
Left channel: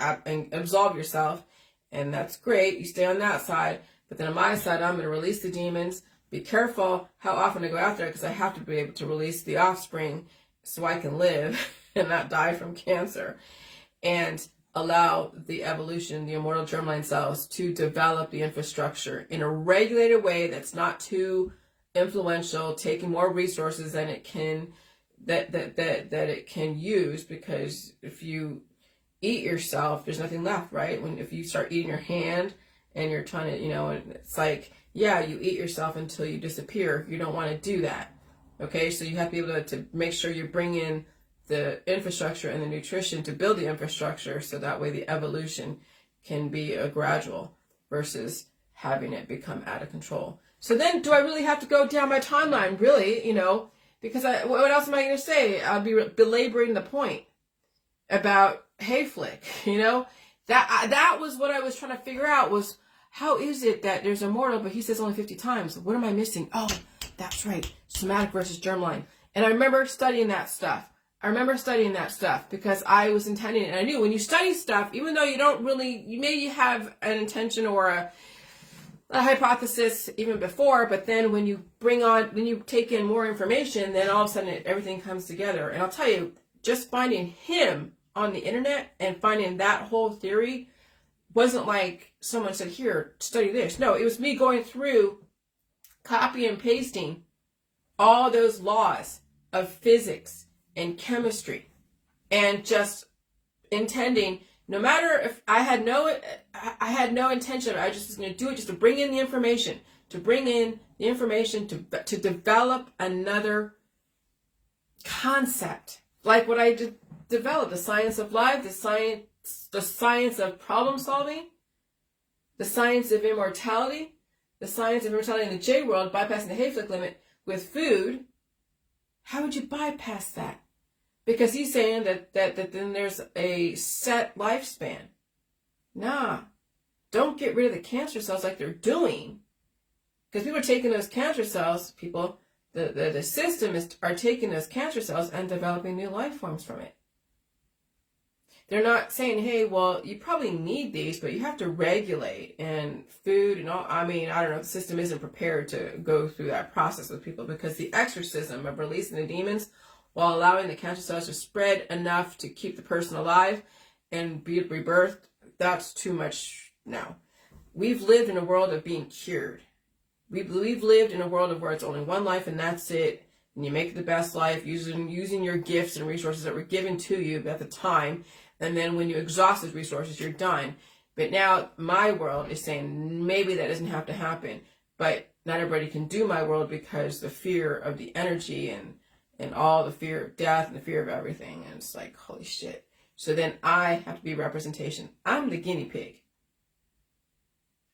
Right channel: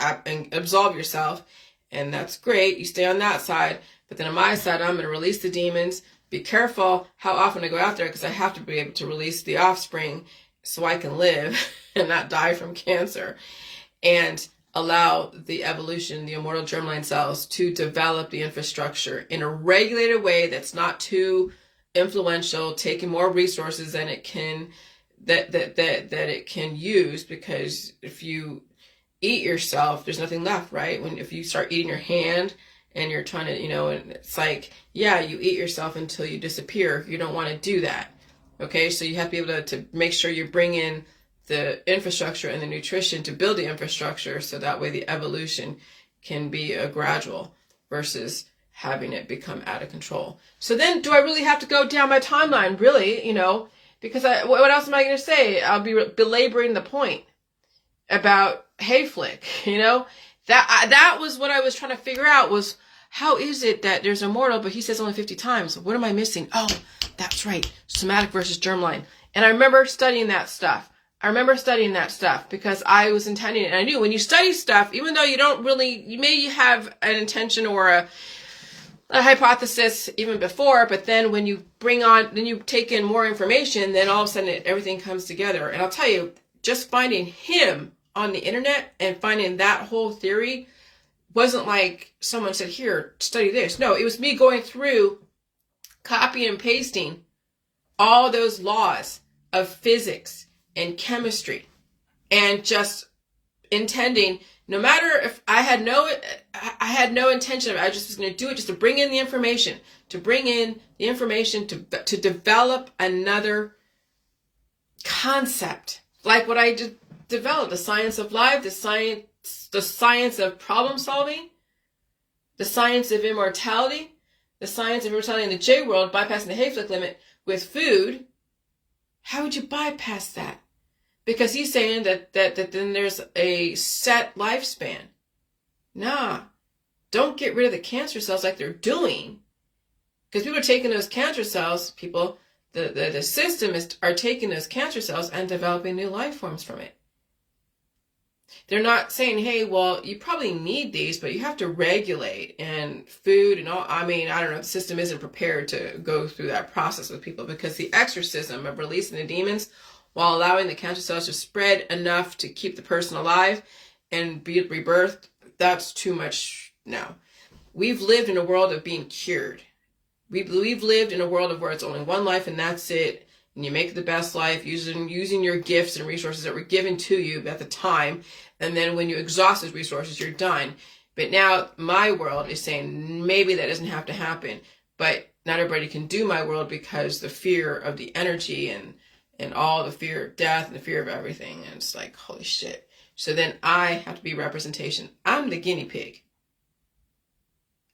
absolve yourself. And that's great. You stay on that side. But then on my side, I'm going to release the demons. Be careful how often I go out there, because I have to be able to release the offspring so I can live and not die from cancer, and allow the evolution, the immortal germline cells, to develop the infrastructure in a regulated way that's not too influential, taking more resources than it can that it can use. Because if you eat yourself, there's nothing left, right? If you start eating your hand and you're trying to, and it's like, yeah, you eat yourself until you disappear. You don't want to do that. Okay, so you have to be able to make sure you bring in the infrastructure and the nutrition to build the infrastructure, so that way the evolution can be a gradual versus having it become out of control. So then, do I really have to go down my timeline? Really, Because what else am I going to say? I'll be belaboring the point about Hayflick, you know? That was what I was trying to figure out, was how is it that there's Immortal, but he says only 50 times? What am I missing? Oh, that's right. Somatic versus germline. And I remember studying that stuff. Because I was intending it. And I knew when you study stuff, even though you don't really, you may have an intention or a hypothesis even before, but then when you then you take in more information, then all of a sudden everything comes together. And I'll tell you, just finding him on the internet and finding that whole theory wasn't like someone said, here, study this. No, it was me going through, copying and pasting all those laws of physics and chemistry, and just intending, no matter if I had no intention of it, I just was going to do it just to bring in the information, to develop another concept, like what I just developed, the science of life, the science of problem solving, the science of immortality, in the J world, bypassing the Hayflick limit with food. How would you bypass that? Because he's saying that then there's a set lifespan. Nah, don't get rid of the cancer cells like they're doing. Because people are taking those cancer cells, the system are taking those cancer cells and developing new life forms from it. They're not saying, hey, well, you probably need these, but you have to regulate, and food and all. I mean, I don't know, the system isn't prepared to go through that process with people, because the exorcism of releasing the demons while allowing the cancer cells to spread enough to keep the person alive and be rebirthed, that's too much now. We've lived in a world of being cured. We've lived in a world of where it's only one life and that's it. And you make the best life using your gifts and resources that were given to you at the time. And then when you exhaust those resources, you're done. But now my world is saying maybe that doesn't have to happen. But not everybody can do my world because the fear of the energy and all the fear of death and the fear of everything. And it's like, holy shit. So then I have to be representation. I'm the guinea pig.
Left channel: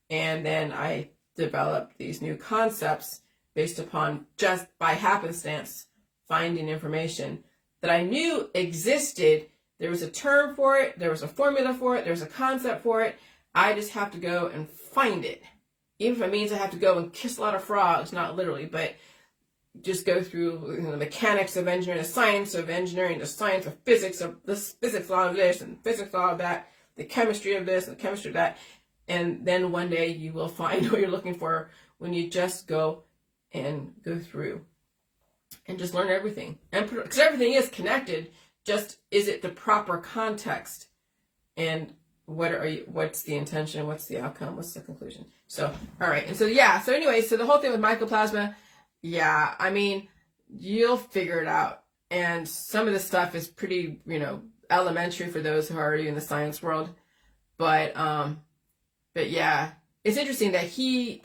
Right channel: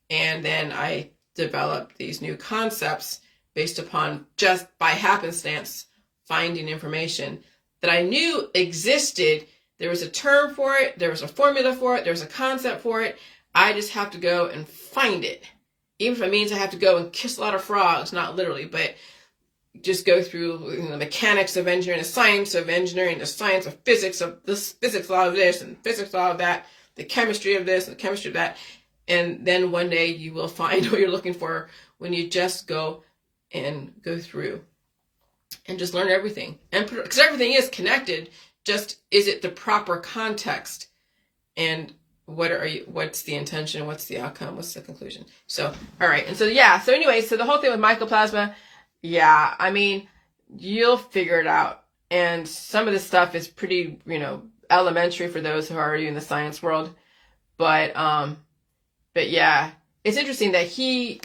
And then I develop these new concepts based upon just by happenstance finding information that I knew existed. There was a term for it. There was a formula for it. There's a concept for it. I just have to go and find it. Even if it means I have to go and kiss a lot of frogs, not literally, but just go through the mechanics of engineering, the science of engineering, the science of physics law of this and physics law of that, the chemistry of this and the chemistry of that. And then one day you will find what you're looking for when you just go and go through and just learn everything. And because everything is connected, just is it the proper context? And what's the intention? What's the outcome? What's the conclusion? So, all right. And so, yeah. So anyway, so the whole thing with mycoplasma, yeah, I mean, you'll figure it out. And some of this stuff is pretty, elementary for those who are already in the science world. But yeah, it's interesting that he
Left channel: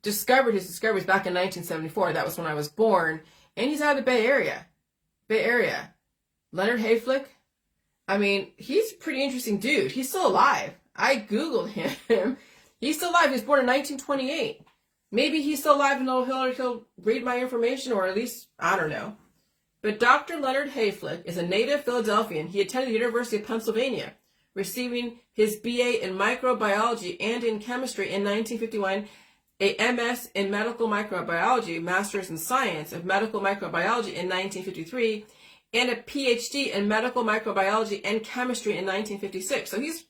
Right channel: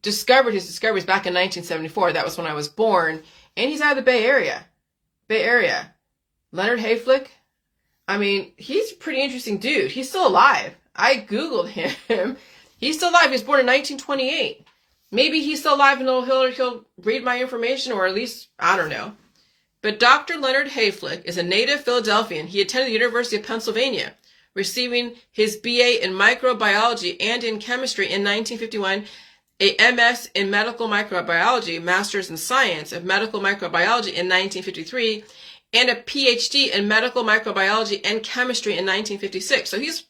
discovered his discoveries back in 1974. That was when I was born. And he's out of the Bay Area. Leonard Hayflick. I mean, he's a pretty interesting dude. He's still alive. I Googled him. He's still alive. He was born in 1928. Maybe he's still alive and he'll read my information, or at least, I don't know. But Dr. Leonard Hayflick is a native Philadelphian. He attended the University of Pennsylvania, receiving his BA in microbiology and in chemistry in 1951, a MS in medical microbiology, master's in science of medical microbiology in 1953, and a PhD in medical microbiology and chemistry in 1956. So he's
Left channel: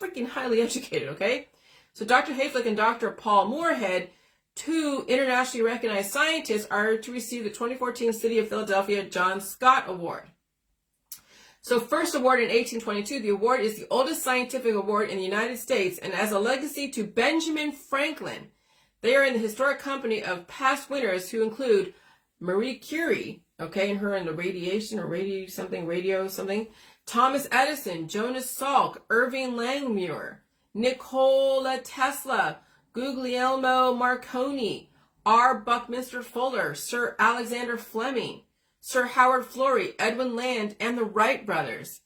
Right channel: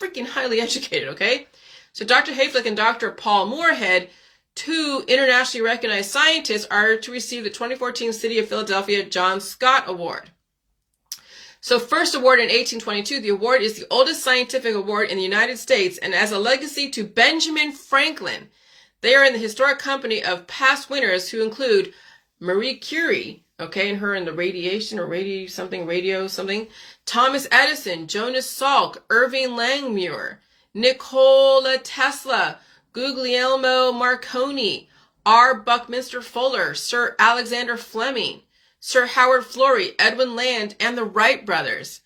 freaking highly educated, okay? So Dr. Hayflick and Dr. Paul Moorhead, two internationally recognized scientists, are to receive the 2014 City of Philadelphia John Scott Award. So first awarded in 1822, the award is the oldest scientific award in the United States, and as a legacy to Benjamin Franklin. They are in the historic company of past winners who include Marie Curie, okay, and her in the radiation or radio something, Thomas Edison, Jonas Salk, Irving Langmuir, Nikola Tesla, Guglielmo Marconi, R. Buckminster Fuller, Sir Alexander Fleming, Sir Howard Florey, Edwin Land, and the Wright brothers.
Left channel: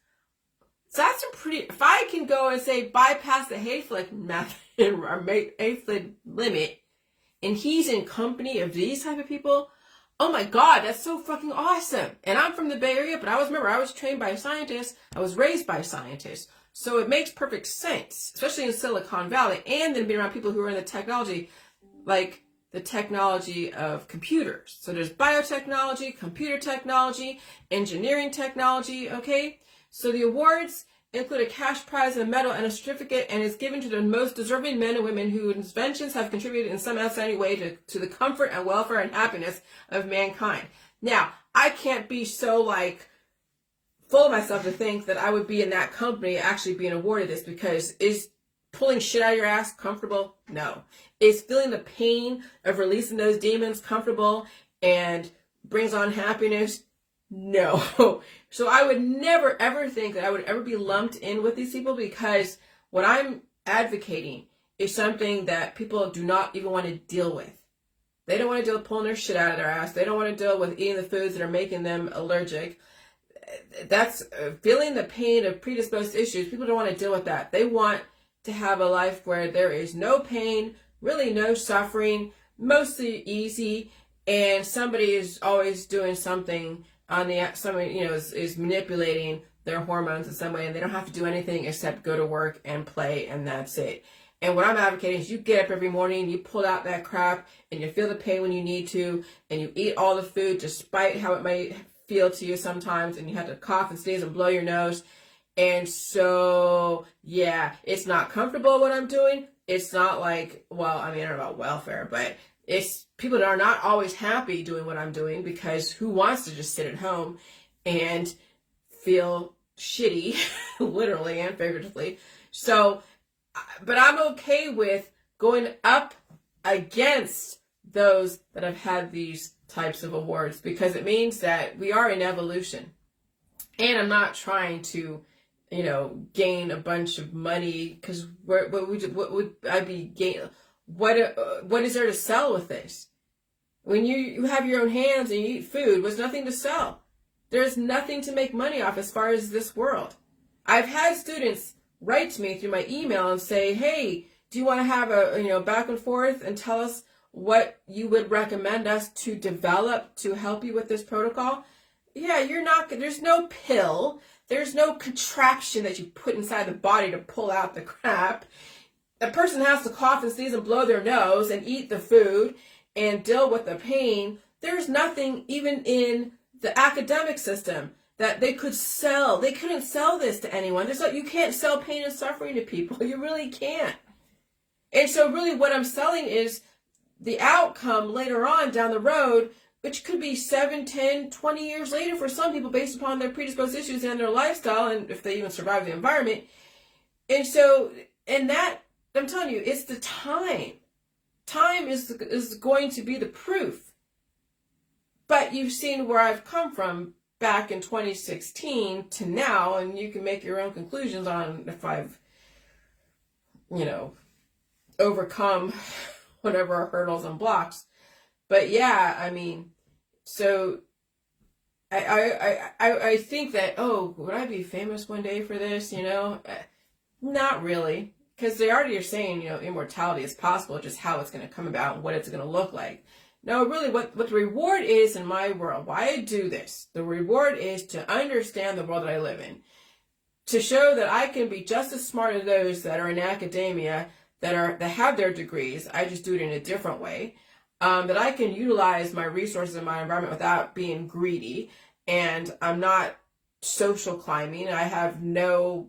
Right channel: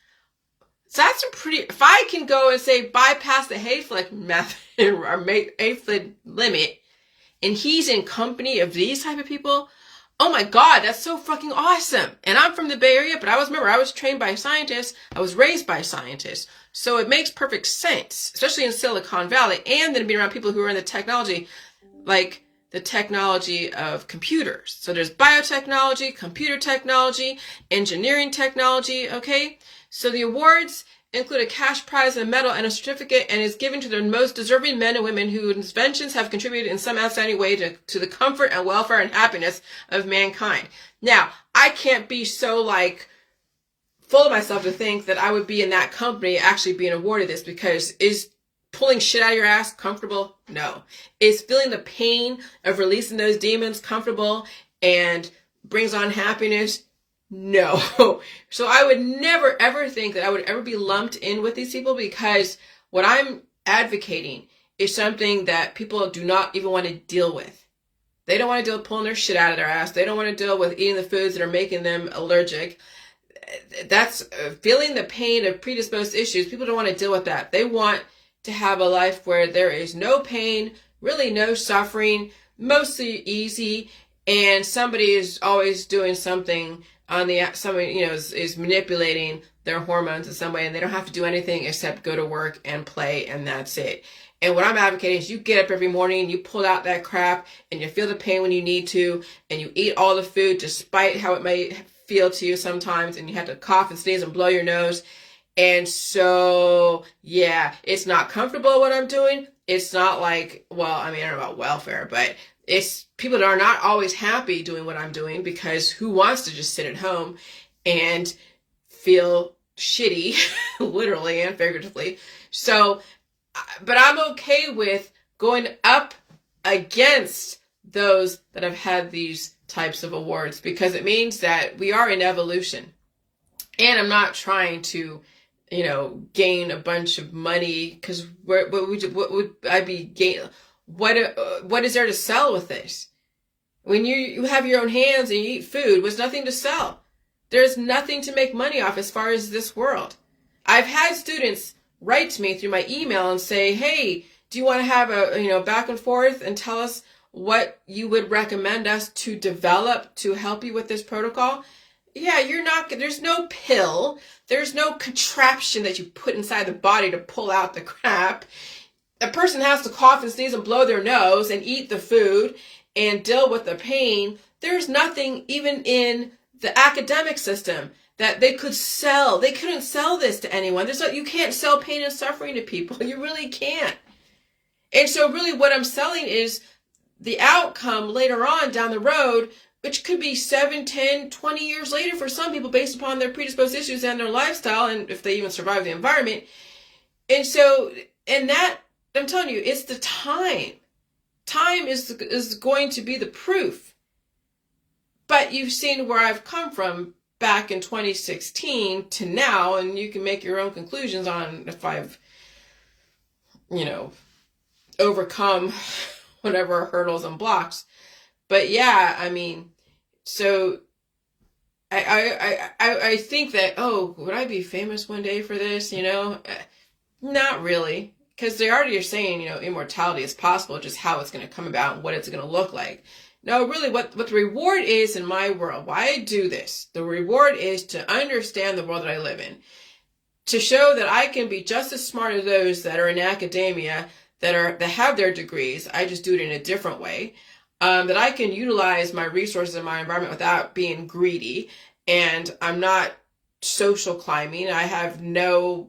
So that's a pretty, if I can go and say bypass the Hayflick method or Hayflick limit, and he's in company of these type of people, oh my God, that's so fucking awesome. And I'm from the Bay Area, but I was trained by scientists. I was raised by scientists. So it makes perfect sense, especially in Silicon Valley, and then being around people who are in the technology, like the technology of computers. So there's biotechnology, computer technology, engineering technology, okay? So the awards include a cash prize, a medal, and a certificate, and is given to the most deserving men and women whose inventions have contributed in some outstanding way to the comfort and welfare and happiness of mankind. Now, I can't be so like full of myself to think that I would be in that company actually being awarded this, because is pulling shit out of your ass comfortable? No. Is feeling the pain of releasing those demons comfortable and brings on happiness? No. So I would never ever think that I would ever be lumped in with these people, because what I'm advocating is something that people do not even want to deal with. They don't want to deal with pulling their shit out of their ass. They don't want to deal with eating the foods that are making them allergic. That's feeling the pain of predisposed issues. People don't want to deal with that. They want to have a life where there is no pain, really no suffering, mostly easy, and somebody is always doing something on the, somebody, you know, is manipulating their hormones in some way, and they don't have to do anything except go to work and play, and that's it. And what I'm advocating is you get up every morning, you pull out that crap, and you feel the pain when you need to, and you eat all the food despite how it may feel to you sometimes, and you have to cough and sneeze and blow your nose. And so, yeah, it's not comfortable what I'm doing. It's not like, well, I mean, I don't know about welfare, but it's people that are not always happy doing what I'm doing, because who wants to just sit at home and feel shitty, literally and figuratively. So, but I'm okay with going up against those that have had these types of awards, because it means that we are in evolution. And I'm not trying to, you know, gain a bunch of money, because what would I be gain? What is there to sell with this? When you have your own hands and you eat food, there's nothing to sell. There's nothing to make money off as far as this world. I've had students write to me through my email and say, hey, do you want to have a, you know, back and forth and tell us what you would recommend us to develop to help you with this protocol? Yeah, there's no pill. There's no contraption that you put inside the body to pull out the crap. A person has to cough and sneeze and blow their nose and eat the food and deal with the pain. There's nothing even in the academic system that they could sell. They couldn't sell this to anyone. You can't sell pain and suffering to people. You really can't. And so really what I'm selling is the outcome later on down the road, which could be 7, 10, 20 years later for some people based upon their predisposed issues and their lifestyle, and if they even survive the environment. And so, and that, I'm telling you, it's the time. Time is going to be the proof. But you've seen where I've come from back in 2016 to now, and you can make your own conclusions on if I've, you know, overcome whatever hurdles and blocks. But yeah, I mean, so I think that, oh, would I be famous one day for this, you know? Not really, because they already are saying, you know, immortality is possible, just how it's going to come about and what it's going to look like. No, really, what the reward is in my world, why I do this, the reward is to understand the world that I live in, to show that I can be just as smart as those that are in academia, that have their degrees. I just do it in a different way. That I can utilize my resources in my environment without being greedy, and I'm not social climbing. I have no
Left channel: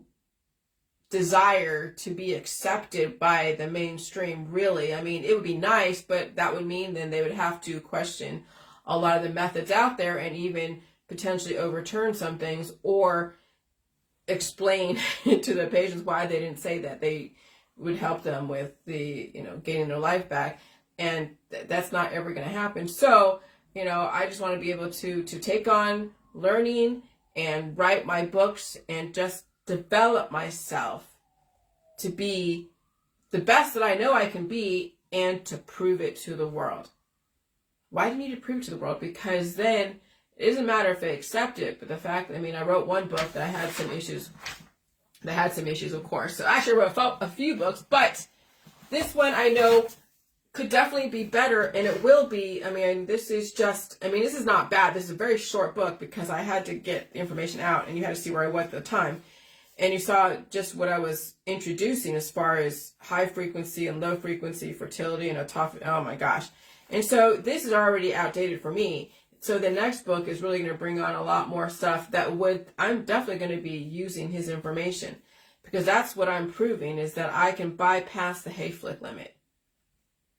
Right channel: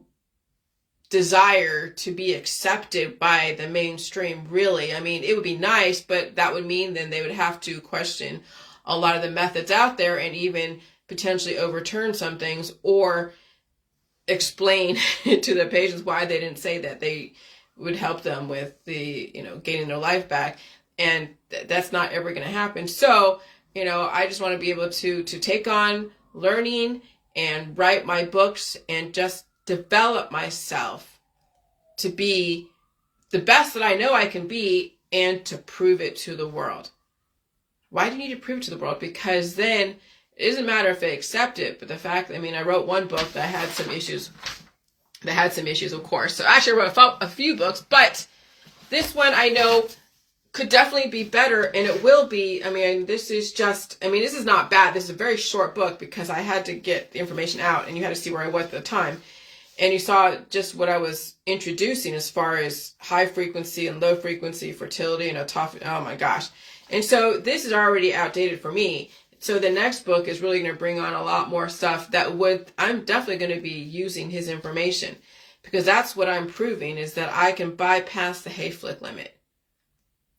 desire to be accepted by the mainstream, really. I mean, it would be nice, but that would mean then they would have to question a lot of the methods out there and even potentially overturn some things or explain to the patients why they didn't say that they would help them with the, you know, gaining their life back. And that's not ever going to happen. So, you know, I just want to be able to take on learning and write my books and just develop myself to be the best that I know I can be and to prove it to the world. Why do you need to prove it to the world? Because then it doesn't matter if they accept it, but the fact, I mean, I wrote one book that had some issues, of course. So actually I wrote a few books, but this one I know could definitely be better, and it will be. I mean, this is not bad. This is a very short book because I had to get the information out, and you had to see where I was at the time. And you saw just what I was introducing as far as high frequency and low frequency fertility and autophagy. Oh my gosh. And so this is already outdated for me. So the next book is really going to bring on a lot more stuff I'm definitely going to be using his information, because that's what I'm proving, is that I can bypass the Hayflick limit.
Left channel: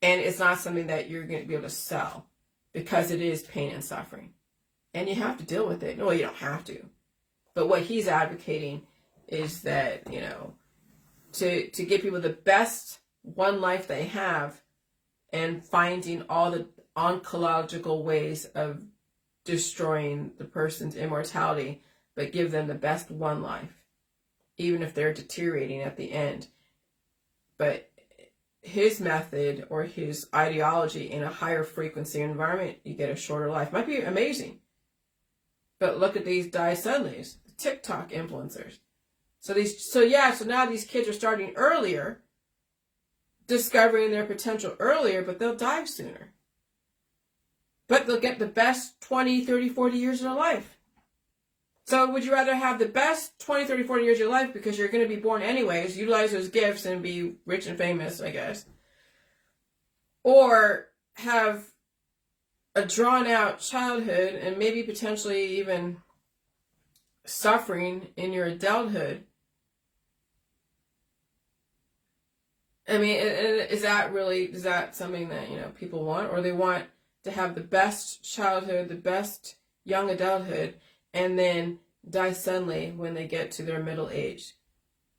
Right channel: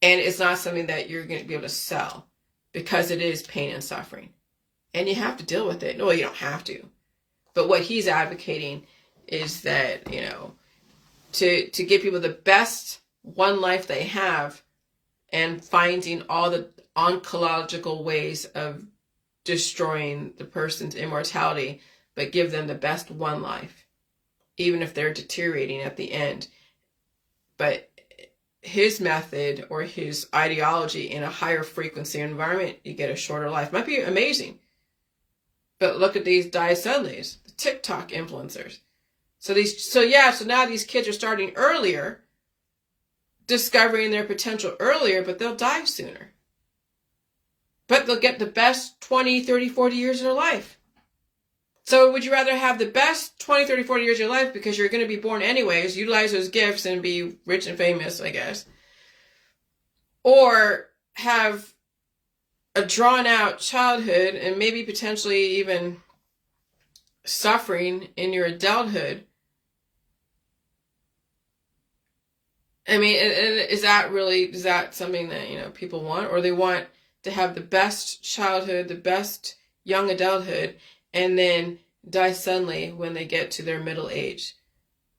And it's not something that you're going to be able to sell, because it is pain and suffering. And you have to deal with it. No, you don't have to. But what he's advocating is that, you know, to give people the best one life they have, and finding all the oncological ways of destroying the person's immortality, but give them the best one life, even if they're deteriorating at the end. But his method or his ideology in a higher frequency environment, you get a shorter life. Might be amazing. But look at these diacetylates, the TikTok influencers. So now these kids are starting earlier, discovering their potential earlier, but they'll die sooner. But they'll get the best 20, 30, 40 years of their life. So would you rather have the best 20, 30, 40 years of your life, because you're going to be born anyways, utilize those gifts and be rich and famous, I guess, or have a drawn out childhood and maybe potentially even suffering in your adulthood? I mean, is that something that, you know, people want? Or they want to have the best childhood, the best young adulthood, and then die suddenly when they get to their middle age,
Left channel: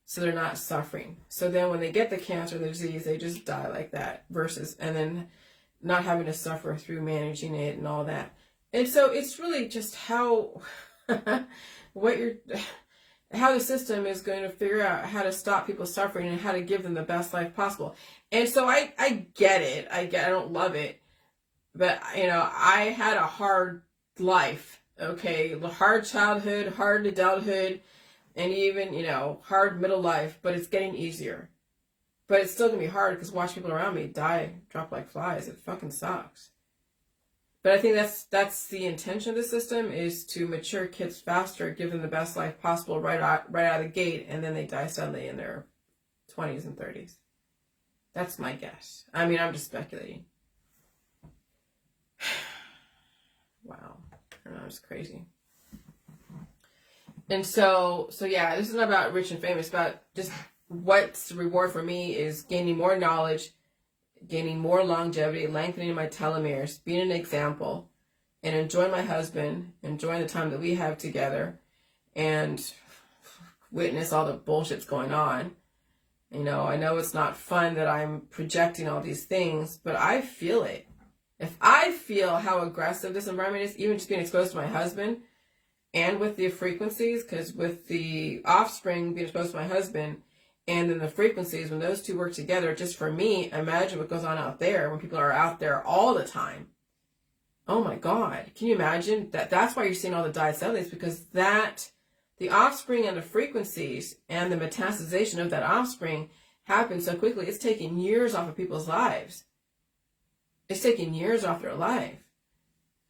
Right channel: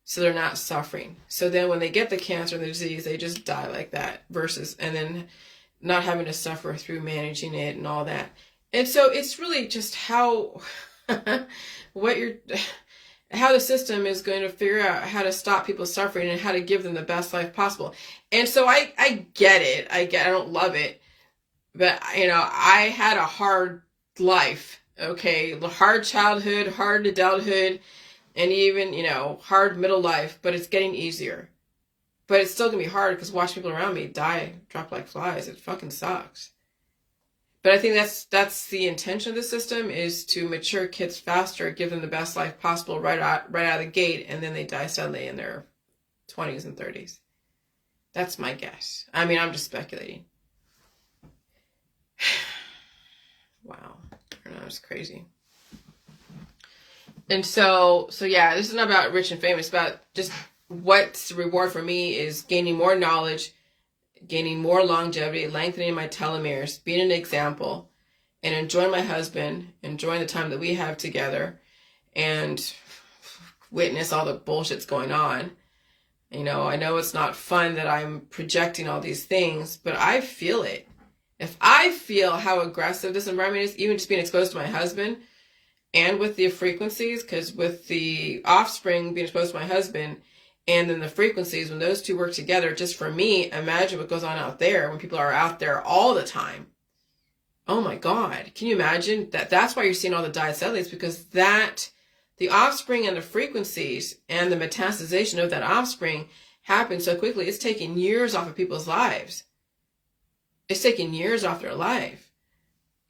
so they're not suffering. So then when they get the cancer, the disease, they just die like that, and then not having to suffer through managing it and all that. And so it's really just how how the system is going to figure out how to stop people suffering and how to give them the best life possible. And so I get it. I don't love it. But, you know, I had a hard life, okay? Hard childhood, hard adulthood, and even, you know, hard middle life, but it's getting easier. But it's still going to be hard, because watch people around me drop like flies. It fucking sucks. But I think that's the intention of the system, is to mature kids faster, give them the best life possible right out of the gate, and then they die suddenly in their 20s and 30s. That's my guess. I mean, I'm just speculating. Wow. I know, it's crazy. And so yeah, this is not about rich and famous. It's about just what's the reward for me is gaining more knowledge, gaining more longevity, lengthening my telomeres, being an example, and enjoying my husband, enjoying the time that we have together, and witness all the bullshit's going on. You know, I know it's not fun that I'm projecting all these things, but I feel it. If I feel how aggressive this environment is, even just being exposed to my husband, and with the frequencies, because with the offspring being exposed to my husband, and then the frequencies, when those two work together, just for me, imagine what goes on out there when people are out there all the time. Oh my God. Can you imagine that? That's why you're seeing all the diacetylates, because the offspring and the frequencies and the metastasization of that offspring happens so quickly. It's taking years off of people's lives. It's taking years off their life.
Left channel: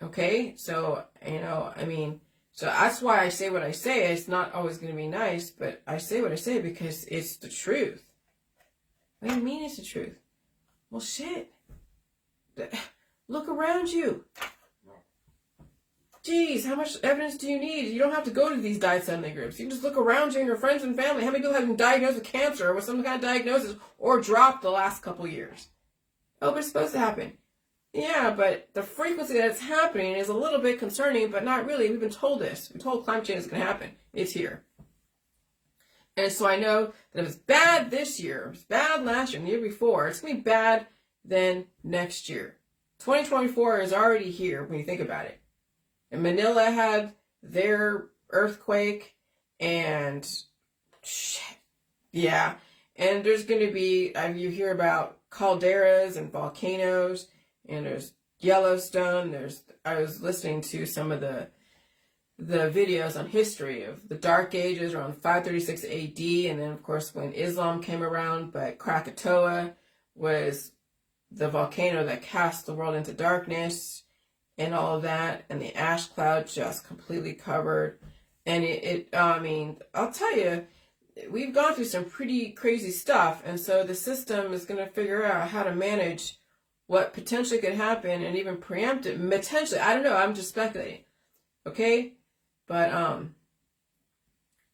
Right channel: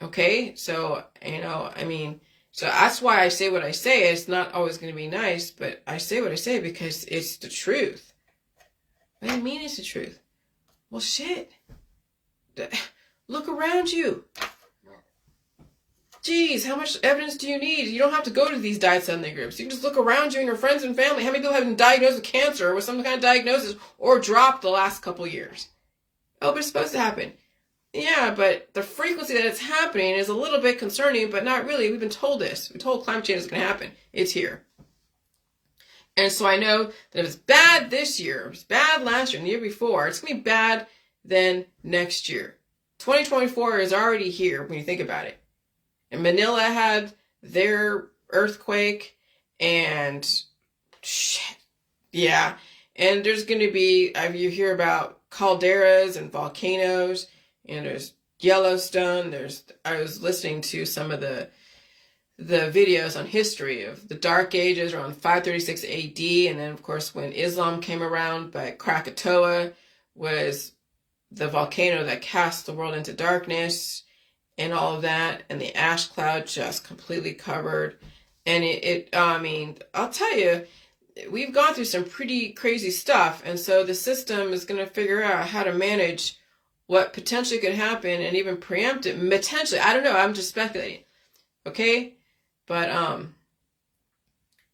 Okay? So, you know, I mean, so that's why I say what I say. It's not always going to be nice, but I say what I say because it's the truth. What do you mean it's the truth? Well, shit. Look around you. Geez, how much evidence do you need? You don't have to go to these diet-settling groups. You can just look around you and your friends and family. How many people have been diagnosed with cancer or with some kind of diagnosis or dropped the last couple years? Oh, but it's supposed to happen. Yeah, but the frequency that it's happening is a little bit concerning, but not really. We've been told this. We're told climate change is going to happen. It's here. And so I know that if it's bad this year, if it's bad last year and the year before, it's going to be bad then next year. 2024 is already here when you think about it. And Manila had their earthquake and shit. Yeah. And there's going to be, you hear about calderas and volcanoes, and there's Yellowstone. I was listening to some of the videos on history of the Dark Ages around 536 AD. And then, of course, when Islam came around, but Krakatoa was the volcano that cast the world into darkness and all of that, and the ash cloud just completely covered. And I mean, I'll tell you, we've gone through some pretty crazy stuff, and so the system is going to figure out how to manage what potentially could happen and even preempt it. Potentially, I don't know, I'm just speculating. Okay? But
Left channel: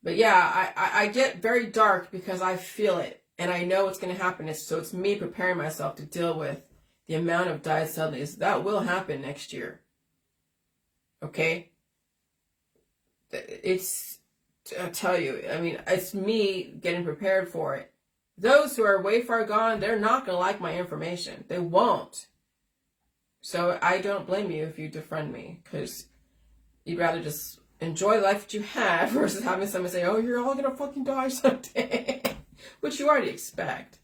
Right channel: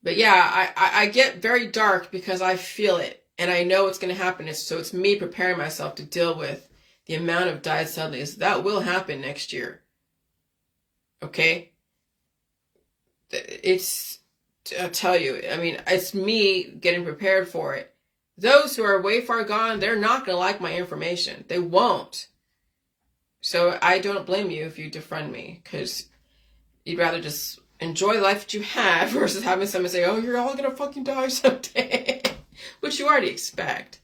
yeah, I get very dark because I feel it. And I know it's going to happen. So it's me preparing myself to deal with the amount of diet suddenlies that will happen next year. Okay? I'll tell you, I mean, it's me getting prepared for it. Those who are way far gone, they're not going to like my information. They won't. So I don't blame you if you defriend me, because you'd rather just enjoy the life that you have versus having someone say, oh, you're all going to fucking die someday. Which you already expect.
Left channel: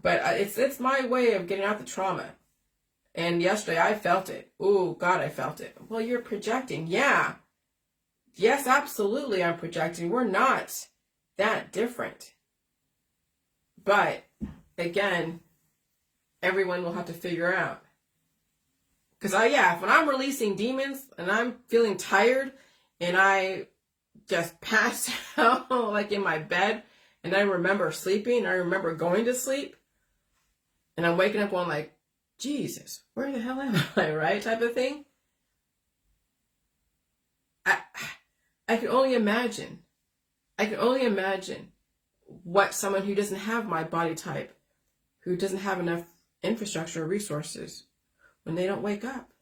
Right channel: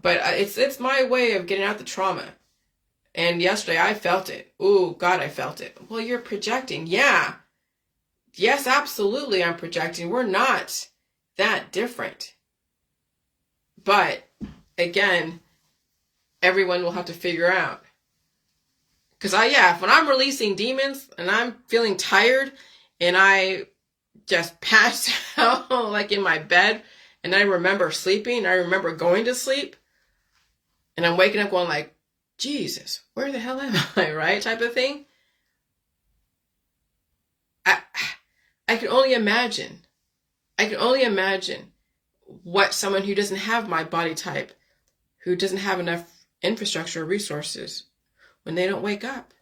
But it's my way of getting out the trauma. And yesterday I felt it. Ooh, God, I felt it. Well, you're projecting. Yeah. Yes, absolutely, I'm projecting. We're not that different. But, again, everyone will have to figure out. Because when I'm releasing demons and I'm feeling tired and I just pass out like in my bed, and I remember sleeping, and I remember going to sleep, and I'm waking up going like, Jesus, where the hell am I, right? Type of thing. I can only imagine. I can only imagine what someone who doesn't have my body type, who doesn't have enough infrastructure or resources, when they don't wake up.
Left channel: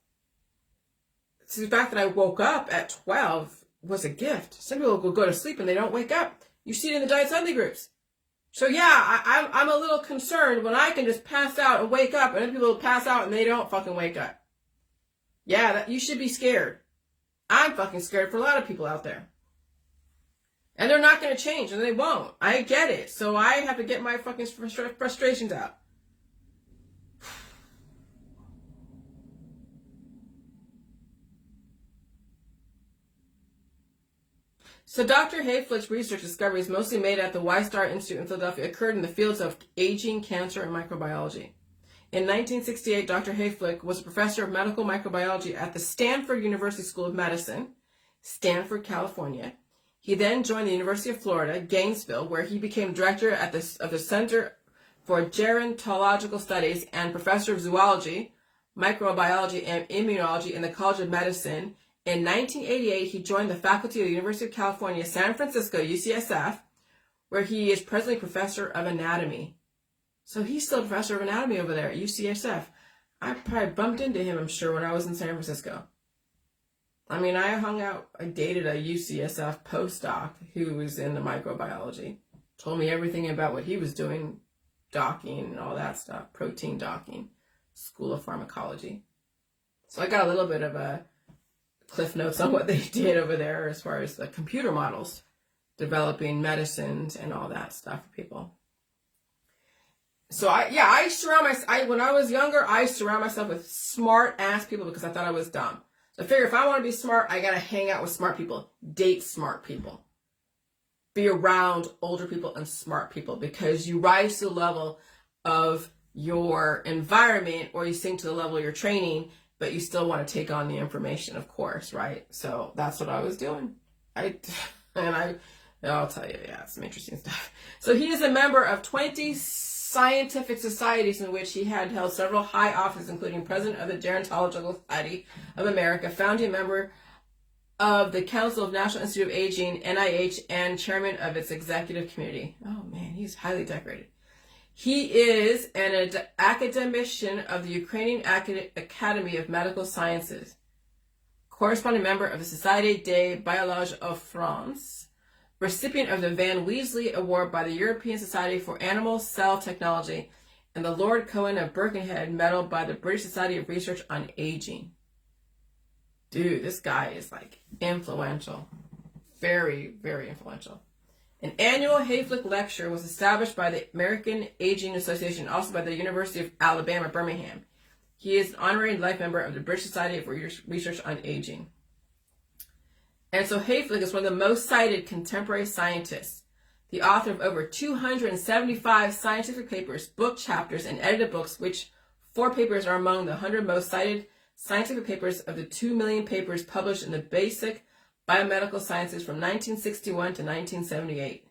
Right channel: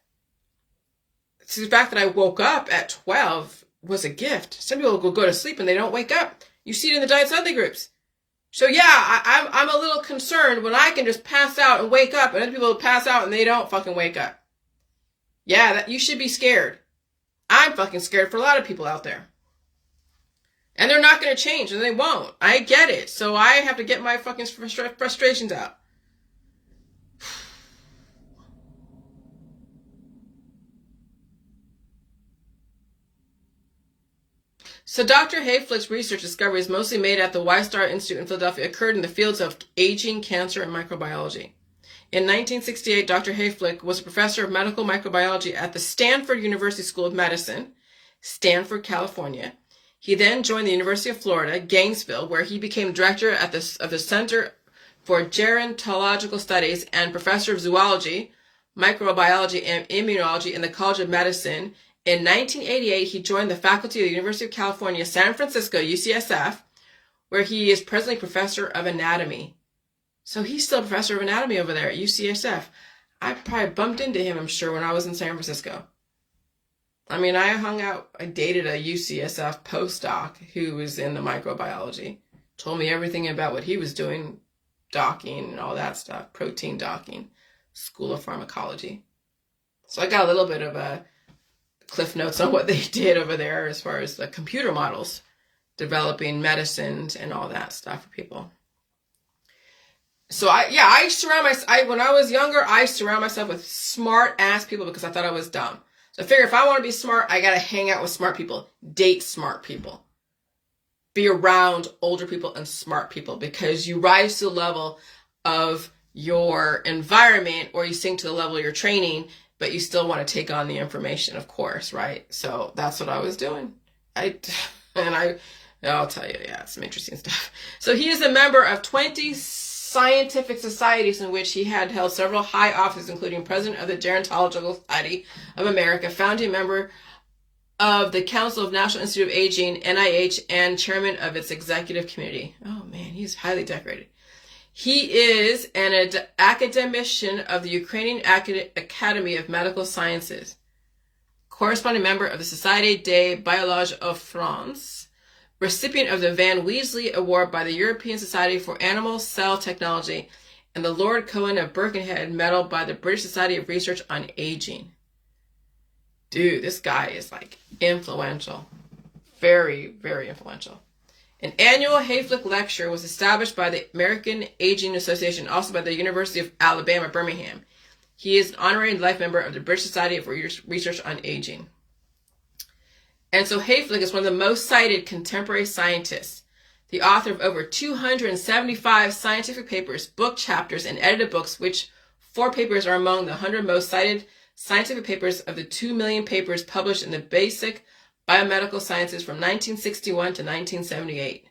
So the fact that I woke up at 12 was a gift. Some people will go to sleep and they don't wake up. You see it in the diet suddenly groups. So yeah, I'm a little concerned when I can just pass out and wake up, and other people pass out and they don't fucking wake up. Yeah, you should be scared. I'm fucking scared for a lot of people out there. And they're not going to change, and they won't. I get it. So I have to get my fucking frustrations out. So Dr. Hayflick's research discoveries, mostly made at the Y-Star Institute in Philadelphia, occurred in the fields of aging, cancer, and microbiology. In 1968, Dr. Hayflick was a professor of medical microbiology at the Stanford University School of Medicine, Stanford, California. He then joined the University of Florida, Gainesville, where he became director of the Center for Gerontological Studies and professor of zoology, microbiology, and immunology in the College of Medicine. In 1988, he joined the faculty of the University of California, San Francisco, UCSF, where he is presently professor of anatomy. So he's still a professor of anatomy over there at UCSF. I probably bumped into him, I'm sure, when I was in San Francisco. I mean, I dated a UCSF postdoc who was in the microbiology. Told me everything about what he was doing, docking and all that stuff, protein docking, School of Pharmacology. So I got a little bit of a cliff notes on what they did over there as far as the computer models, developing medicines and all that stuff for people. So I surround myself, when I was younger, I surround myself with smart ass people because I thought I was dumb. So I figure if I want to be smart, I got to hang out with smart people, date smart people, be around older people and smart people, because you rise to the level of your environment or you sink to the level of your training, but you still want to take on the information, of course, right? So that's what I was doing. I'll tell you, yeah, some interesting stuff. So he is a member of 20 scientific societies in which he had held several high offices, including president of the Gerontological Society of America, founding member of the Council of National Institute of Aging, NIH, and chairman of its executive committee. Oh man, he's highly decorated. He is an academician of the Ukrainian Academy of Medical Sciences, corresponding member of the Société de Biologie of France, recipient of the Van Weasley Award by the European Society for Animal Cell Technology, and the Lord Cohen of Birkenhead Medal by the British Society of Research on Aging. Dude, this guy is like influential. Very, very influential. An annual Hayflick lecture was established by the American Aging Association, also by the University of Alabama, Birmingham. He is an honorary life member of the British Society of Research on Aging. And so Hayflick is one of the most cited contemporary scientists, the author of over 275 scientific papers, book chapters, and edited books, which 4 papers are among the 100 most cited scientific papers of the 2 million papers published in the basic biomedical sciences from 1961 to 1978.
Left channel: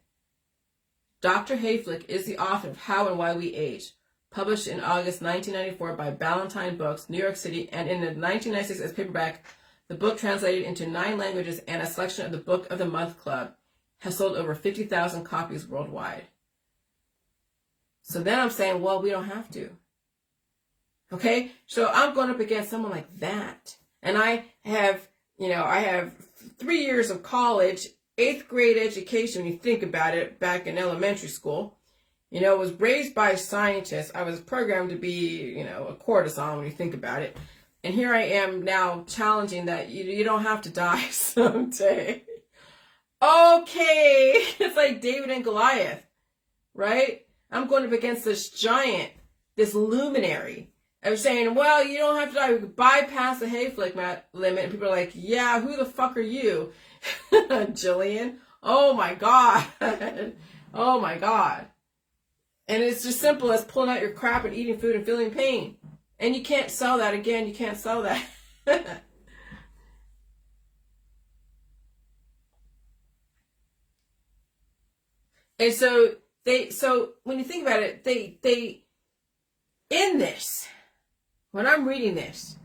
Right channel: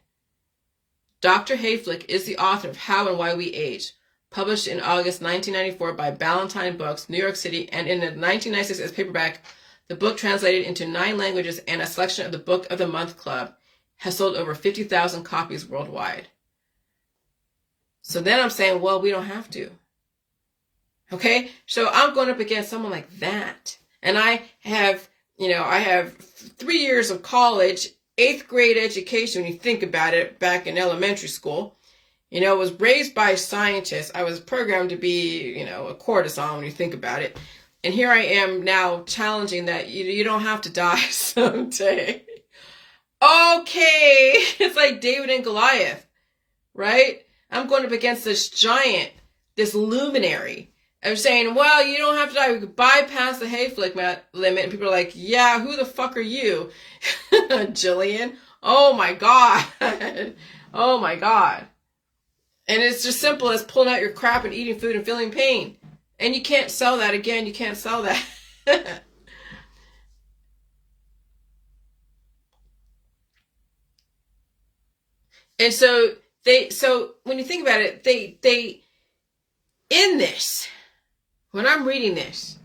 Dr. Hayflick is the author of How and Why We Age, published in August 1994 by Ballantine Books, New York City, and in 1996 as paperback. The book, translated into 9 languages and a selection of the Book of the Month Club, has sold over 50,000 copies worldwide. So then I'm saying, well, we don't have to. Okay? So I'm going up against someone like that. And I have 3 years of college, 8th grade education, when you think about it, back in elementary school. Was raised by scientists. I was programmed to be, a courtesan when you think about it. And here I am now challenging that you don't have to die someday. Okay, it's like David and Goliath, right? I'm going up against this giant, this luminary. I'm saying, well, you don't have to die. We could bypass the Hayflick limit. And people are like, yeah, who the fuck are you? Jillian? Oh my God. Oh my God. And it's just simple as pulling out your crap and eating food and feeling pain. And you can't sell that again. You can't sell that. And so when you think about it, they in this, when I'm reading this,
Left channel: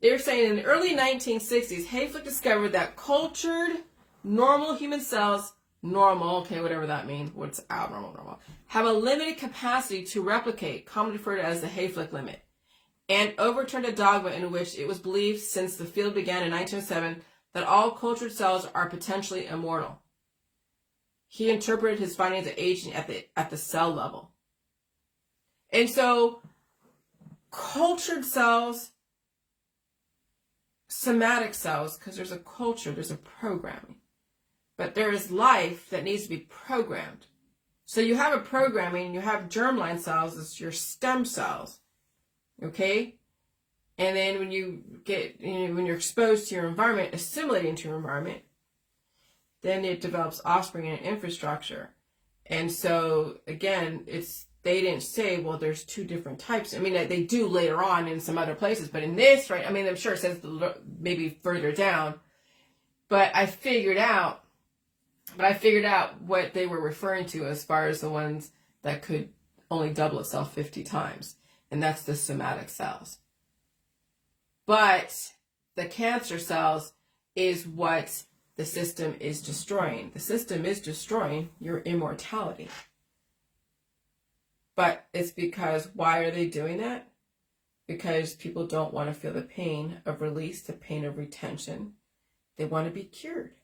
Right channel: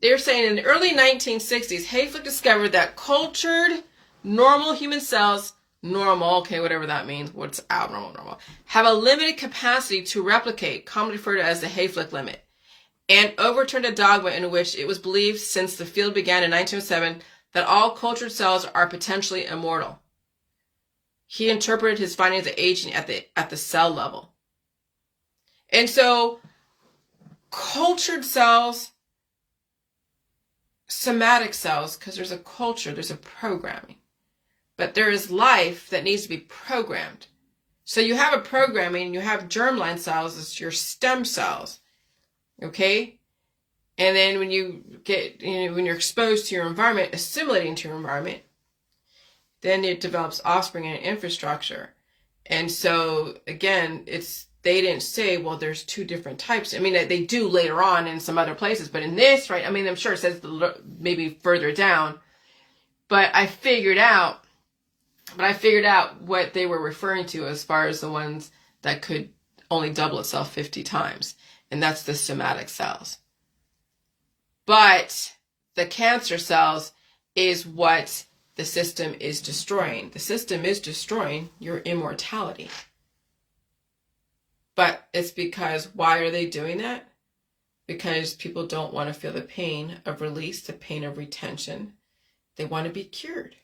they're saying in the early 1960s, Hayflick discovered that cultured normal human cells, okay, whatever that means, what's abnormal, normal, have a limited capacity to replicate, commonly referred to as the Hayflick limit, and overturned a dogma in which it was believed since the field began in 1907 that all cultured cells are potentially immortal. He interpreted his findings of aging at the cell level. And so cultured cells, somatic cells, because there's a culture, there's a programming. But there is life that needs to be programmed. So you have a programming, you have germline cells, it's your stem cells. Okay? And then when when you're exposed to your environment, assimilating to your environment, then it develops offspring and infrastructure. And so again, they didn't say, well, there's 2 different types. I mean, they do later on in some other places, but in this, right? I mean, I'm sure it says maybe further down, but I figured out what they were referring to as far as the ones that could only double itself 50 times. And that's the somatic cells. But the cancer cells is what the system is destroying. The system is destroying your immortality. But it's because, why are they doing that? Because people don't want to feel the pain of release, the pain of retention. They want to be cured.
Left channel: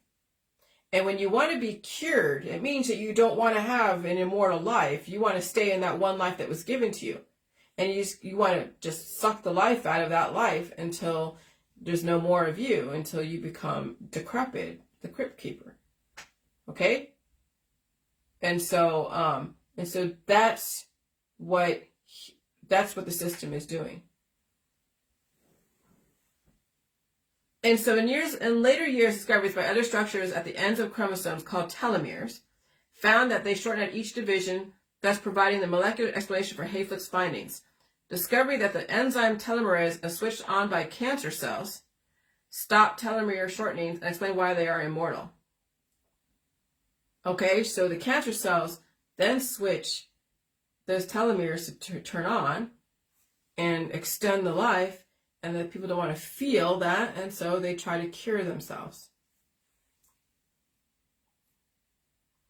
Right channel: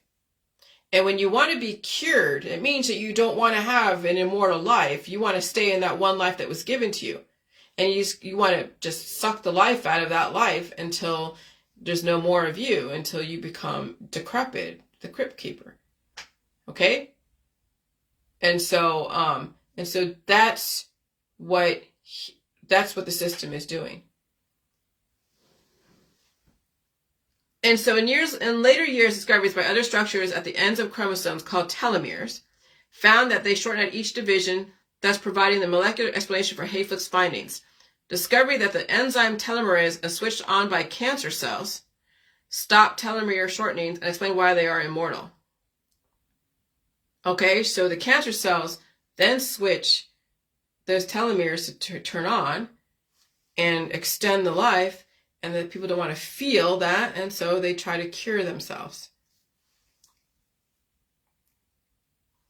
And when you want to be cured, it means that you don't want to have an immortal life. You want to stay in that one life that was given to you. And you want to just suck the life out of that life until there's no more of you, until you become decrepit, the crypt keeper. Okay? And so that's what the system is doing. And so in later years, discoveries by other structures at the ends of chromosomes called telomeres found that they shorten at each division, thus providing the molecular explanation for Hayflick's findings. Discovery that the enzyme telomerase is switched on by cancer cells stop telomere shortening and explain why they are immortal. Okay, so the cancer cells then switch those telomeres to turn on and extend the life, and then people don't want to feel that, and so they try to cure themselves.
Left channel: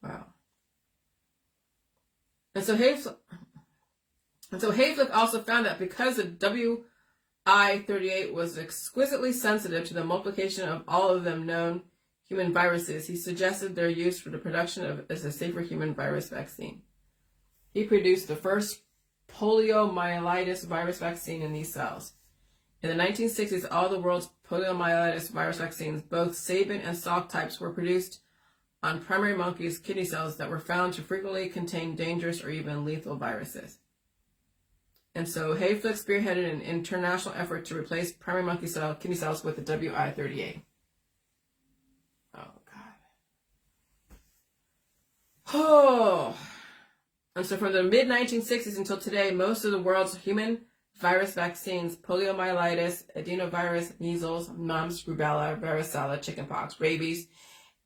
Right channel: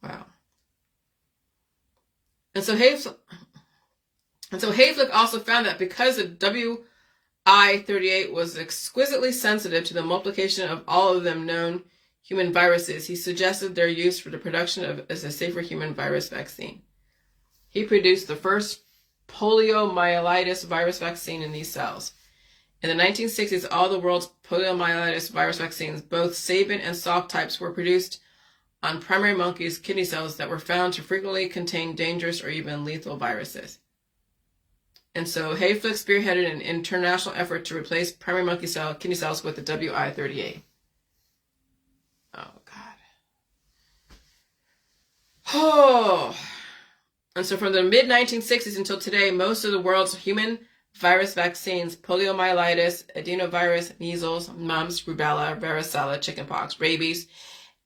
Wow. And so Hayflick also found that because the WI38 was exquisitely sensitive to the multiplication of all of them known human viruses, he suggested their use for the production of as a safer human virus vaccine. He produced the first poliomyelitis virus vaccine in these cells. In the 1960s, all the world's poliomyelitis virus vaccines, both Sabin and Salk types, were produced on primary monkeys' kidney cells that were found to frequently contain dangerous or even lethal viruses. And so Hayflick spearheaded an international effort to replace primary monkey kidney cells with the WI38. Oh, God. Oh. And so from the mid-1960s until today, most of the world's human virus vaccines, poliomyelitis, adenovirus, measles, mumps, rubella, varicella, chickenpox, rabies,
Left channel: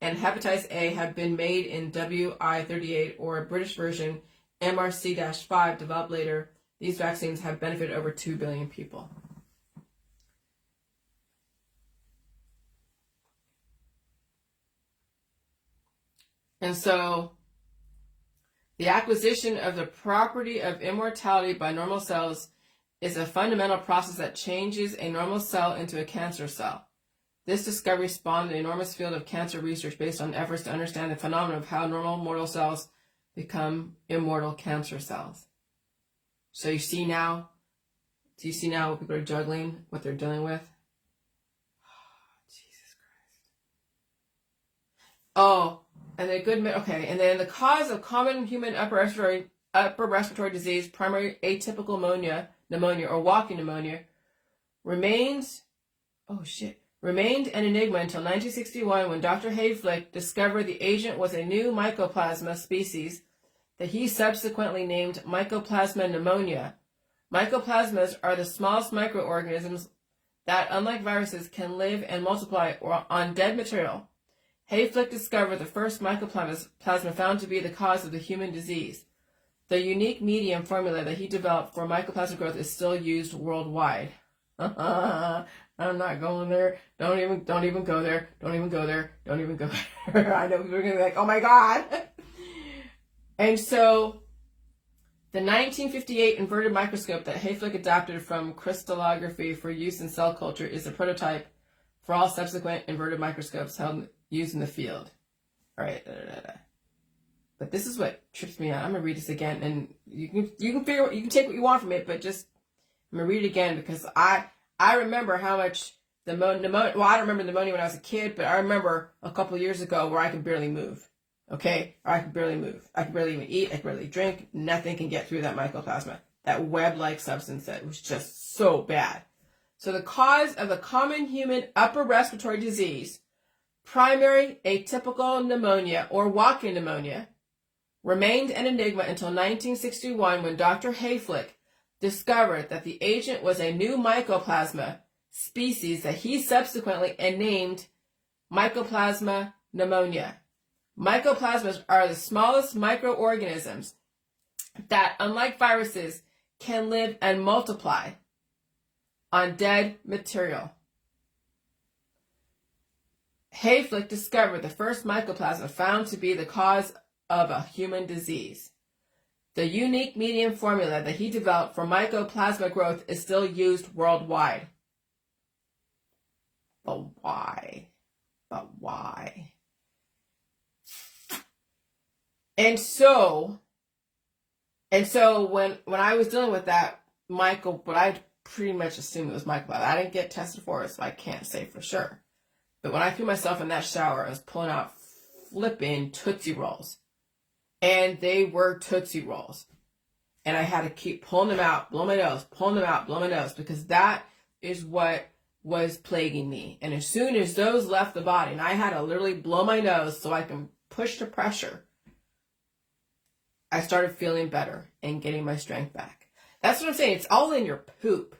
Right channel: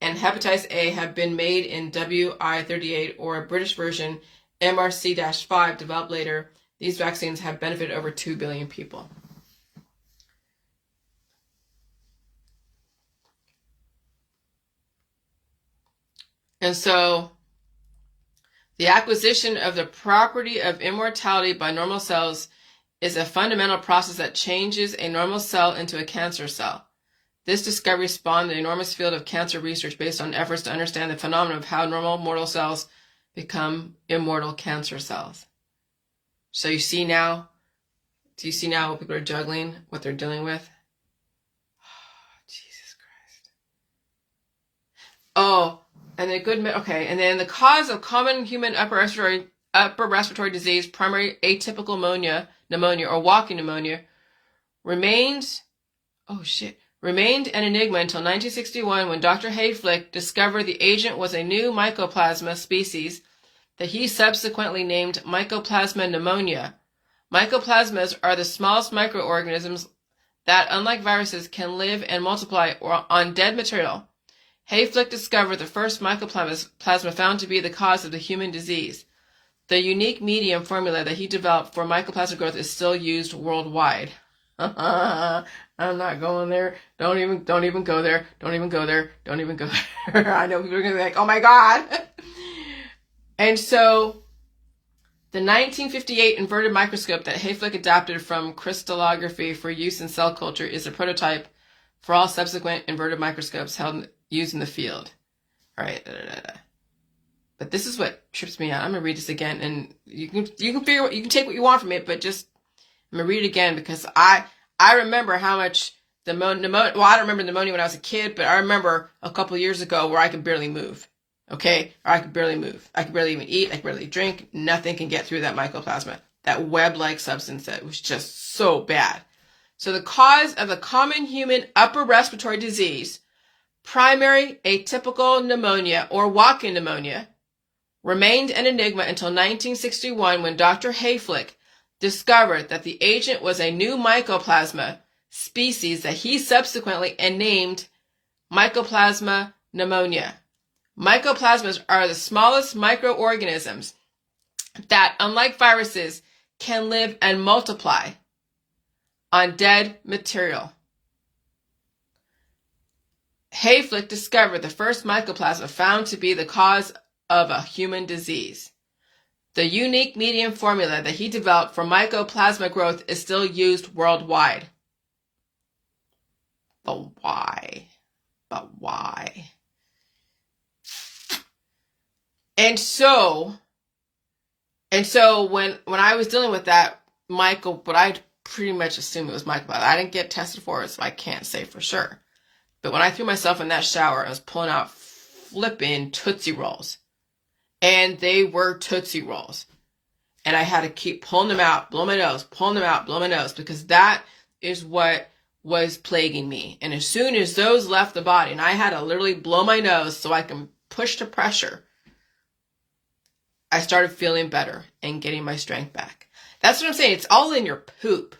and hepatitis A have been made in WI38 or a British version MRC-5 developed later. These vaccines have benefited over 2 billion people. And so the acquisition of the property of immortality by normal cells is a fundamental process that changes a normal cell into a cancer cell. This discovery spawned an enormous field of cancer research based on efforts to understand the phenomenon of how normal mortal cells become immortal cancer cells. So do you see now what people are juggling, what they're dealing with? Oh, Jesus Christ. Oh, and then the cause of common human upper respiratory disease, primary atypical pneumonia or walking pneumonia, remained an enigma until 1961 when Dr. Hayflick discovered the agent was a new mycoplasma species that he subsequently named Mycoplasma pneumonia. Mycoplasmas are the smallest microorganisms that, unlike viruses, can live and multiply on dead material. Hayflick discovered the first mycoplasma found to be the cause of the human disease. The unique medium formula that he developed for mycoplasma growth is still used worldwide. I'm not going there. Don't even go there. Don't even go there. Don't even go there. I know people are going to be like, oh my God. And so the 1958 inverted microscope that Hayflick adapted from crystallography for use in cell culture is a prototype for all subsequent inverted microscopes used in the field. All right. But this is what trips me out. I'm going to read this again, and you can take what you want from it, but just I'm going to read it again because I remember how much I don't remember pneumonia when I was a kid, but I remember a couple of years ago where I could barely move. Okay? Or I could barely move. I could barely even eat. I could barely drink. Nothing can get through that mycoplasma, that web-like substance that was just so bad. So the cause of the common human upper respiratory disease, primary atypical pneumonia or walking pneumonia, remained an enigma until 1961 when Dr. Hayflick discovered that the agent was a new mycoplasma species that he subsequently named Mycoplasma pneumonia. Mycoplasmas are the smallest microorganisms that, unlike viruses, can live and multiply on dead material. Hayflick discovered the first mycoplasma found to be the cause of a human disease. The unique medium formula that he developed for mycoplasma growth is still used worldwide. But why? And so when I was dealing with that but I pretty much assumed it was mycoplasma. I didn't get tested for it, so I can't say for sure. But when I threw myself in that shower, I was pulling out flipping Tootsie Rolls. And they were Tootsie Rolls. And I had to keep pulling them out, blow my nose, pulling them out, blow my nose, because that is what was plaguing me. And as soon as those left the body, and I had to literally blow my nose so I can push the pressure, I started feeling better and getting my strength back. That's what I'm saying. It's all in your poop.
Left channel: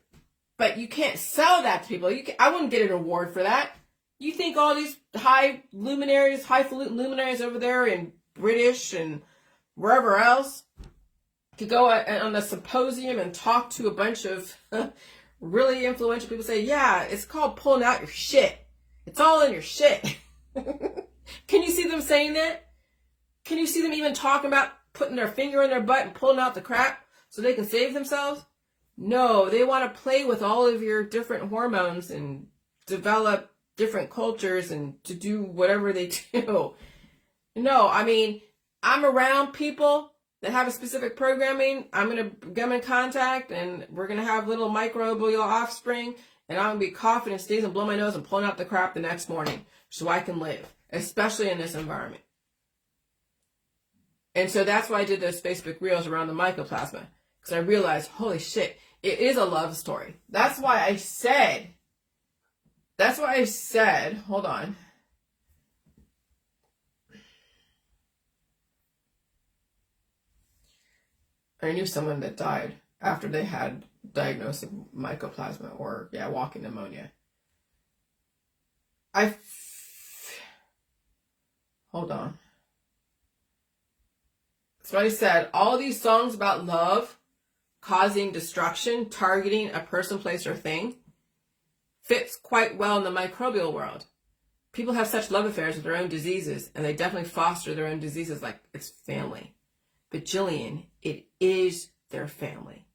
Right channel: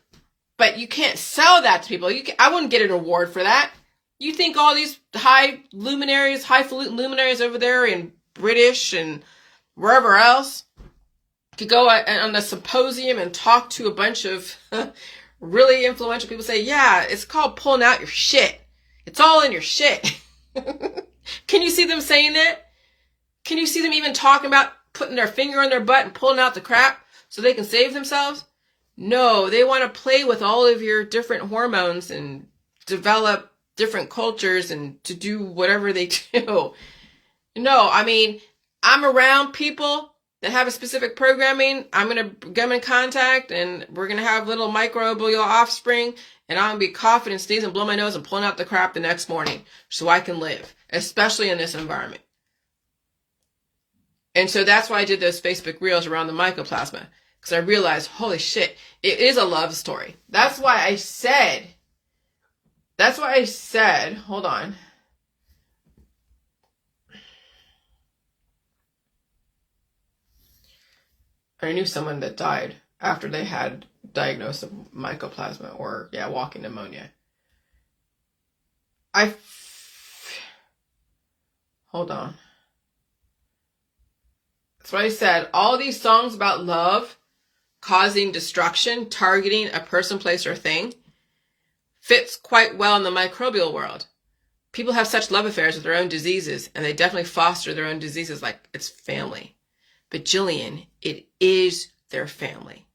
But you can't sell that to people. I wouldn't get an award for that. You think all these highfalutin luminaries over there in British and wherever else could go on a symposium and talk to a bunch of really influential people, say, yeah, it's called pulling out your shit. It's all in your shit. Can you see them saying that? Can you see them even talking about putting their finger in their butt and pulling out the crap so they can save themselves? No, they want to play with all of your different hormones and develop different cultures and to do whatever they do. No, I mean, I'm around people that have a specific programming. I'm going to get them in contact and we're going to have little microbial offspring, and I'm going to be coughing and sneezing, blow my nose and pulling out the crap the next morning so I can live, especially in this environment. And so that's why I did those Facebook reels around the mycoplasma, because I realized, holy shit, it is a love story. That's why I said, hold on. I knew someone that died after they had diagnosed of mycoplasma or, walking pneumonia. Hold on. That's what I said. All these songs about love causing destruction, targeting a person, place, or thing, fits quite well in the microbial world. People have such love affairs with their own diseases, and they definitely foster their own diseases like it's family. But Jillian, it is their family.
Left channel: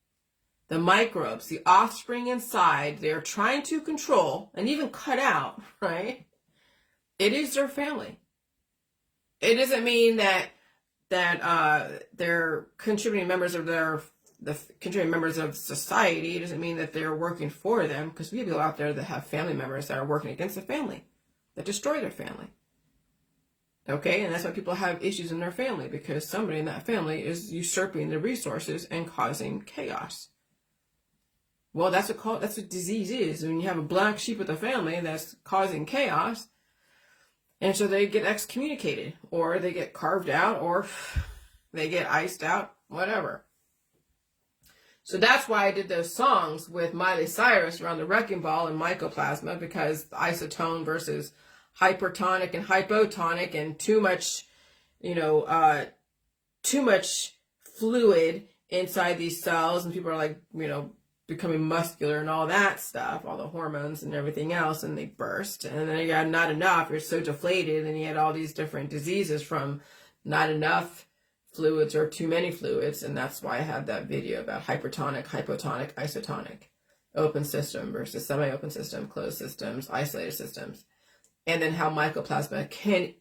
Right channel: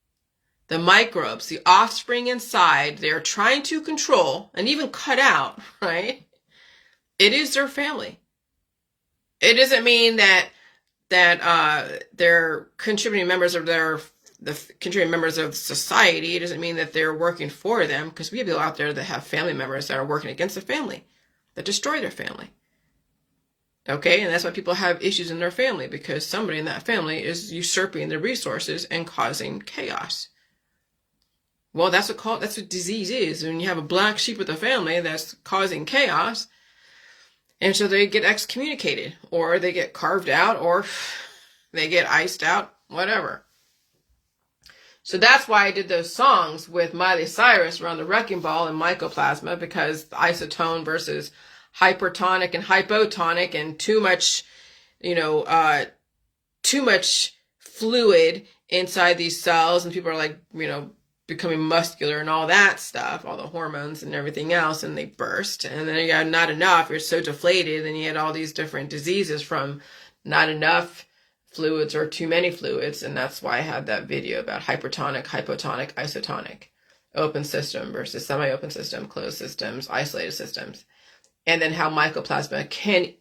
The microbes, the offspring inside, they're trying to control and even cut out, right? It is their family. It doesn't mean that they're contributing members of contributing members of society. It doesn't mean that they're working for them, because we have people out there that have family members that are working against the family, that destroy their family. Okay, and that's why people have issues in their family, because somebody in that family is usurping the resources and causing chaos. Well, that's what disease is. When you have a black sheep of the family that's causing chaos, and so they get excommunicated, or they get carved out, or they get iced out, whatever. So that's why I did those songs with Miley Cyrus around the wrecking ball and mycoplasma, because the isotone versus hypertonic and hypotonic, and too much fluid inside these cells, and people are like, becoming muscular and all that stuff, all the hormones and everything else, and they burst. And then you got not enough, you're so deflated, and you had all these different diseases from not enough fluids or too many fluids. And that's why I had that video about hypertonic, hypotonic, isotonic, open system versus semi-open system, closed systems, isolated systems. And then how mycoplasma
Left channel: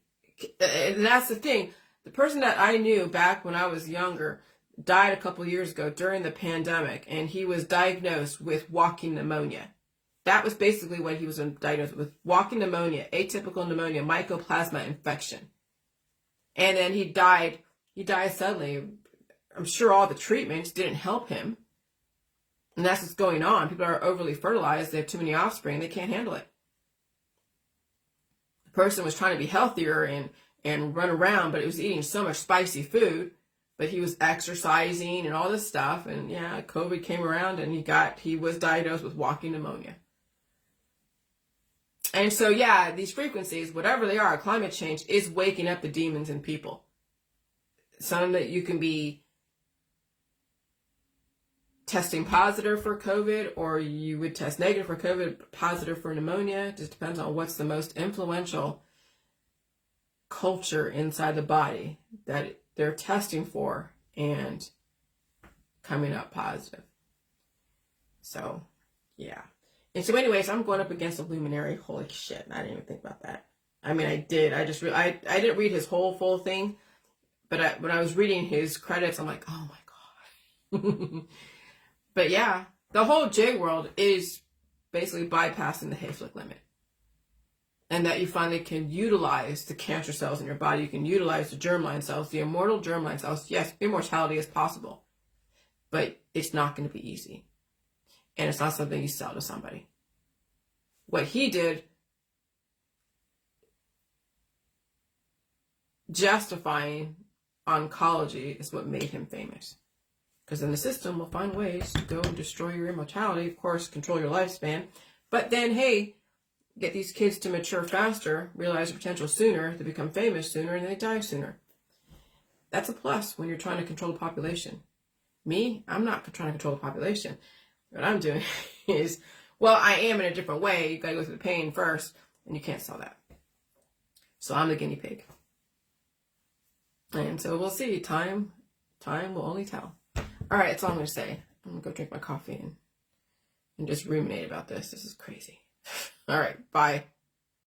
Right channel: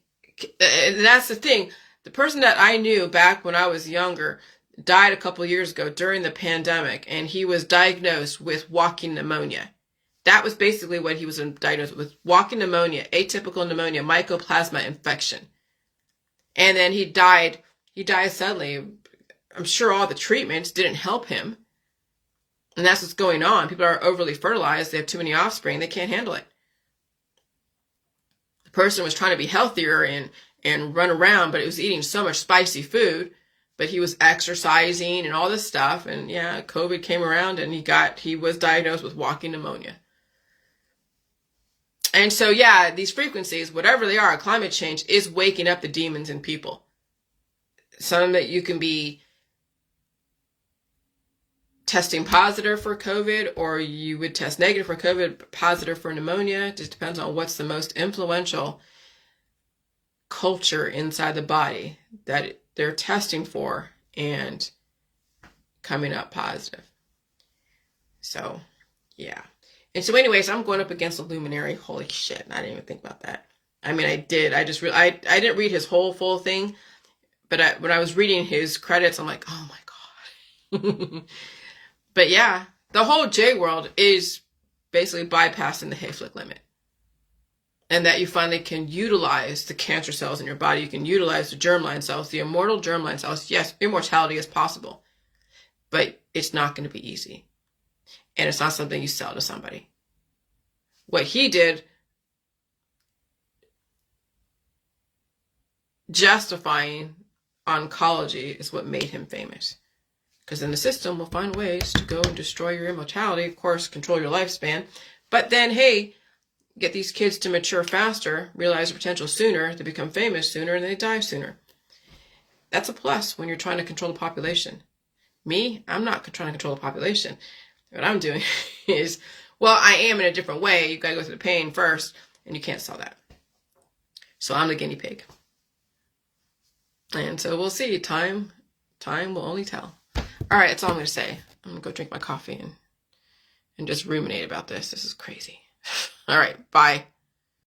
and that's the thing. The person that I knew back when I was younger died a couple years ago during the pandemic, and he was diagnosed with walking pneumonia. That was basically what he was diagnosed with, walking pneumonia, atypical pneumonia, mycoplasma infection. And then he died suddenly. I'm sure all the treatments didn't help him. And that's what's going on. People are overly fertilized. They have too many offspring. They can't handle it. The person was trying to be healthier and run around, but it was eating so much spicy food. But he was exercising and all this stuff. And COVID came around, and he was diagnosed with walking pneumonia. And so, these frequencies, whatever they are, climate change is waking up the demons in people. Some that you can be testing positive for COVID, or you would test negative for COVID, but positive for pneumonia. It just depends on what's the most influential culture inside the body that they're testing for and coming up positive. So, And so anyways, I'm going up against a luminary. Holy shit. I didn't even think about that. I mean, I did. I didn't read his whole full thing, but when I was reading his credits, I'm like, oh my God. But the whole J world is basically bypassing the Hayflick limit. And that you finally can utilize the cancer cells in your body. You can utilize the germline cells, the immortal germline cells. Yes, immortality is possible, but it's not going to be easy. And it's not something you sell to somebody. What he did, justifying oncology, is what made him famous. Because then the system will find ways to go and destroy your immortality, of course, control your lifespan. But then, hey, get these kids to mature faster, realize their potential sooner, they become famous sooner, and they die sooner. That's a plus when you're trying to control the population. Me, I'm not trying to control the population. What I'm doing is, I am in a different way. You got to go through the pain first, and you can't sell that. So I'm the guinea pig. And so we'll see. Time will only tell. All right, that's all I'm going to say. I'm going to go drink my coffee and just ruminate about this. This is crazy. All right, bye.